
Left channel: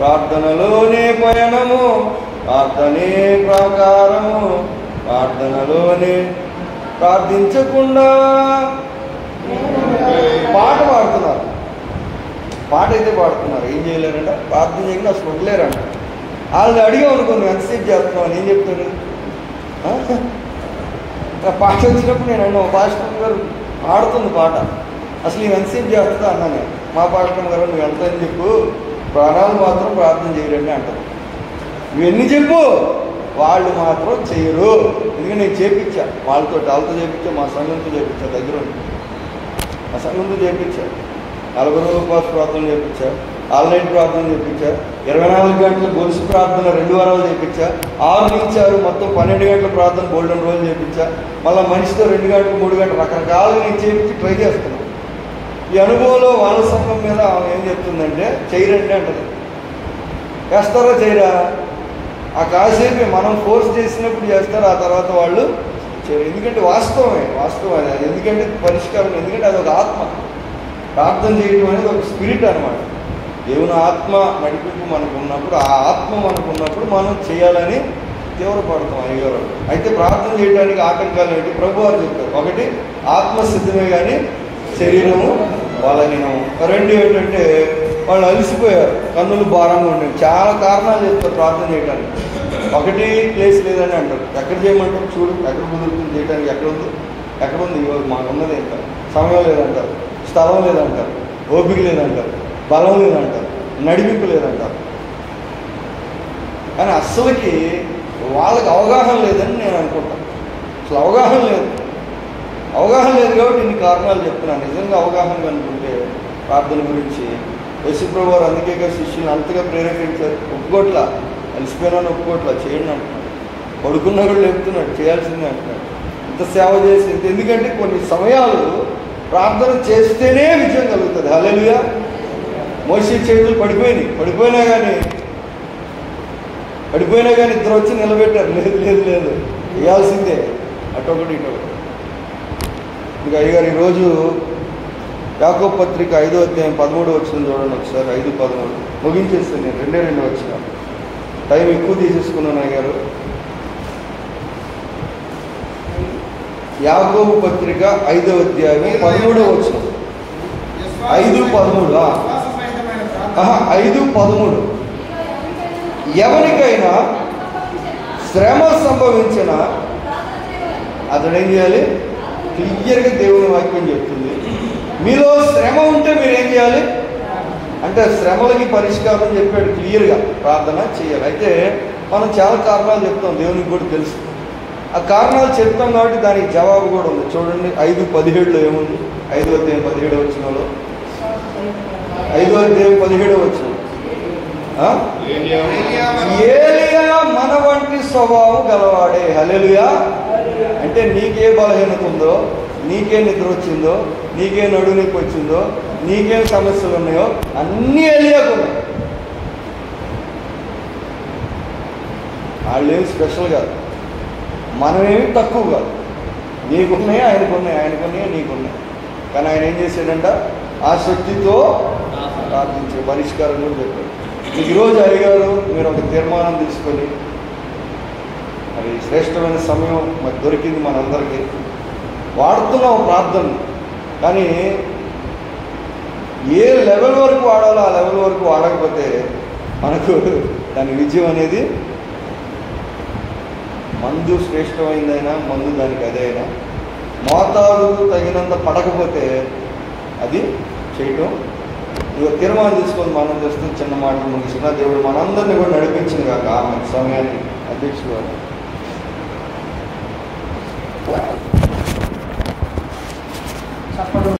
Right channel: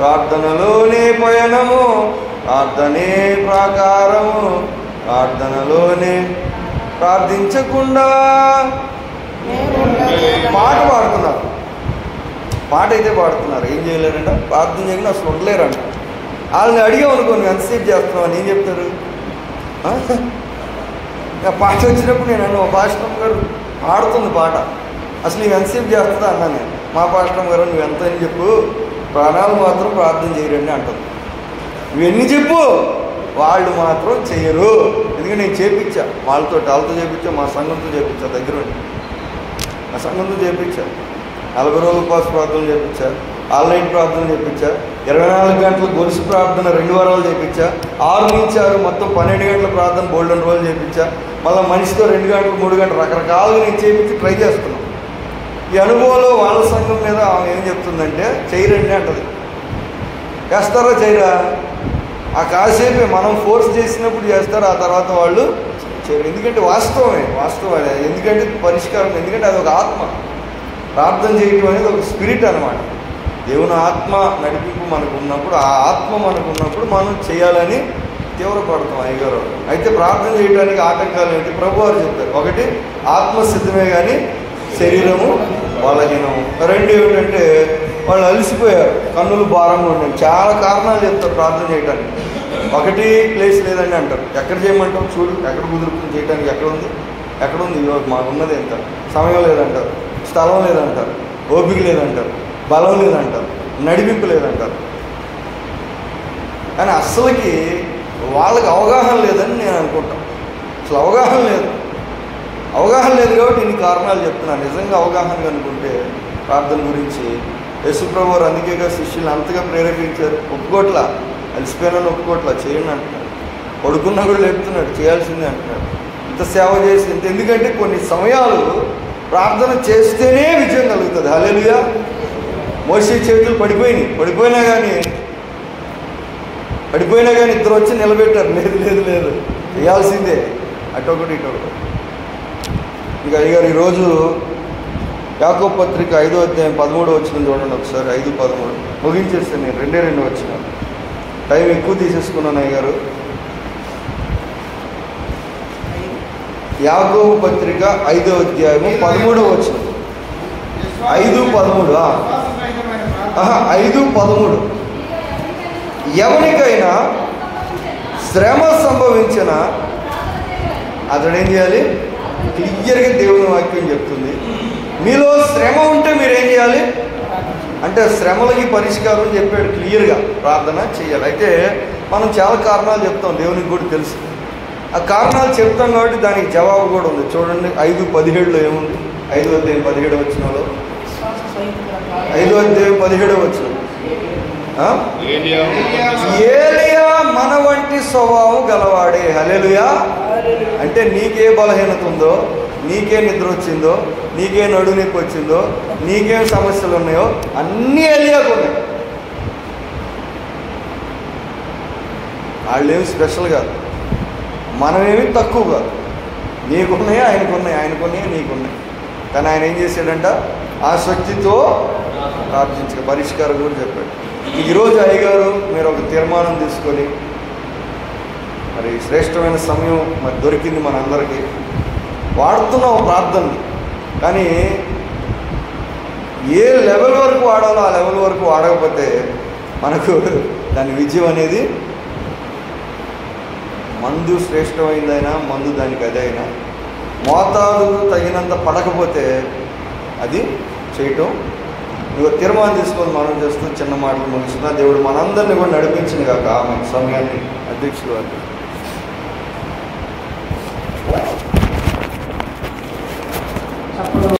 ప్రార్థనలోనే పయనము, ప్రార్థనే ప్రాకారము, ప్రార్థనలోనే ప్రార్థించకుండా పాట పాడుతున్నారు. పాట అయితే పాడుతున్నారు. ఏం చేయలేరంట? ప్రార్థన చేయకుండా అసలు ఉండలేరంట. వాళ్ళని అడిగామనుకో నువ్వు ఎంతసేపు చేస్తున్నావు అని ఏం చెప్తారు? పాట వచ్చినప్పుడు నేను అన్న పాస్టర్ గారు ఆడుతుంది పాట, అసలు నువ్వు ఎంతసేపు చేస్తుందా అన్నాను. మా పాస్టర్ గారు నువ్వు ఎంత అని చెప్పు, ప్రాణాలు మాత్రం ప్రార్థన చేయరండి అంటారు. నువ్వు ఎన్ని చెప్పు, వాళ్ళు మాత్రం చేయరు. ఎందుకంటే నేను చేపించా వాళ్ళతో చేపించా, మా సంఘంతో చేపించా, దగ్గర మా సంఘంతో చేపించా. 40 రోజుల ఉపవాస ప్రార్థనలు చేపించా, ఆన్లైన్ ప్రార్థన చేపించా, 24 గంటలు గొలుసు ప్రార్థన 2 వారాలు చేపించా, 6 నుంచి 6 మొత్తం 12 గంటల ప్రార్థన గోల్డెన్ రోజులు చేపించా. మళ్ళీ మనిషితో 2 గంటలు 3 గంటలు రకరకాలుగా నేను చేపించి ట్రై చేస్తున్నాను. ఈ అనుభవంలో వాళ్ళ సంఘం మీద ఆమె ఏం చెప్తుందంటే చేయరండి అంటది. చేస్తారా చేయరా? ఆ కాసేపే మనం ఫోర్స్ చేసినప్పుడు చేస్తారు, ఆ తర్వాత వాళ్ళు చేయరు. ఎందుకంటే వాస్తవమే. ఎందుకంటే పరిష్కారం. ఎందుకంటే అది ఒక ఆత్మ. ప్రార్థన చేయడం అనేది ఒక స్పిరిట్ అనమాట. దేవుని ఆత్మ నడిపింపు మనకు ఉన్నప్పుడు, ఆ ఆత్మ మనకు ఉన్నప్పుడు మనం చేయాలని తీవ్రపడతాం అయ్యారు. అయితే ప్రార్థన చేయడానికి ఆటంకాలు ఏంటి? ప్రభు వారు చెప్పారు. ఒకటి, ఆత్మ సిద్ధమే కానీ శరీరము బలహీనము. 2 ఏమిటంటే వాళ్ళు అలసిపోయారు, కన్నులు భారంగా ఉండాలి. చాలా కారణాలు చెప్తారు ప్రార్థన చేయడానికి. 1 ప్లేస్ లేదని అంటారు. ఎక్కడ చేయమంటారు? చూడు ఎక్కడ కుదురుతుంది చేయడానికి, ఎక్కడ ఉంది మాకున్నది ఇంకా సమయం లేదంటారు, స్థలం లేదంటారు, ఓపిక లేదంటారు, బలం లేదంటారు, నడిపింపు లేదంటారు. కానీ అస్సలకి వాళ్ళకి అవగాహన లేదని నేను అనుకుంటాను. అసలు అవగాహన లేదు కాబట్టి ఇన్ని కారణాలు చెప్తున్నాను. నిజంగా అవగాహన అనుకుంటే ప్రార్థన గురించి యేసుప్రభు వారు అందుకే శిష్యులను అంతగా ప్రేరేపించారు. ఒప్పుకోట్లా, అలసిపోయినా ఒప్పుకోట్లా, చేయండి అంటున్నాడు. పడుకున్నా కూడా లేపుతున్నాడు, చేయాల్సిందే అంటున్నాడు. ఇంత సేవ చేసి ఎందుకంటే కొన్ని సమయాలు ప్రార్థన చేస్తేనే విజయం కలుగుతుంది. హల్లెలూయా. మోషే చేతులు పడిపోయినా కానీ ఇద్దరు వచ్చి నిలబెట్టారు. లేదు చేయాల్సిందే, అటొకటి ఇటొకటి. ఇంకా అయ్యారు ఈరోజు యాకోబు పత్రిక 5వ అధ్యాయం 13వ వచనం చూడండి ఒకసారి. 5:13 ముగించేస్తాను నేను. 2 వచ్చిన టైం ఎక్కువ తీసేసుకున్నాను అయ్యారు. యాకోబు పత్రిక 5వ అధ్యాయం 13వ వచనం. 5:13 5:13 ఎవరికైనా శ్రమ సంభవించిన అతడేం చేయాలి? క్లియర్గా దేవుని వాక్యం చెప్తుంది. మీలో శ్రమ ఉంటే మీరేం చేయాలి అంటే శ్రమలకి పరిష్కారం చెప్పాడు క్లియర్గా, ప్రార్థన చేయాలి. అయితే మనం చాలా కారణాలు చెప్తాం, దేవునికి కూడా తెలుసు. ఆ కారణాలు చెప్తాం కాబట్టి దానికి జవాబు కూడా ఉంది. చూడండి 5:17 ఏముంది? 5:17 5:17 ఏలియా మన వంటి స్వభావం గలవాడే. హల్లెలూయా. అంటే నీకే బలహీనత ఉందో, నీకే నిద్ర వచ్చిందో, నీకే నడుము నొప్పి వచ్చిందో, నీకేం సమస్యలు ఉన్నాయో అన్నీ ఏలియాకు ఉన్నాయి. వాళ్ళేమి స్పెషల్ కాదు, మనమేమి తక్కువ కాదు. నీకున్నాయి, ఆయనకున్నాయి, నీకున్నాయి. కానీ ఆయన ఏం చేశాడంట? ఆ శక్తితో ప్రార్థించే పరిష్కారం కూడా చెప్పాడు. ఈరోజు అయ్యగారు మీరు ఒక తీర్మానం తీసుకొని, మరి శ్రేష్టమైన సమయం మరి దొరికింది మనందరికీ, వాడుతున్నాం ప్రార్థన. కానీ ఏ లెవెల్ వరకు వాడాలో ఆ లెవెల్ వరకు వాడకపోతే మనకు దాని విజయం అనేది, మందు శ్రేష్టమైందైనా మందు దానికి అదే అయినా మోతాదు తగినంత పడకపోతే అది చేయటం. నువ్వు తీర్మానం తీసుకొని మనం చేస్తూ చిన్న మాటలు ముగిసిన దేవుడు మనందరినీ కూడా నడిపించింది కాక ఆ మంచి సమయాన్ని. అధ్యక్షుడు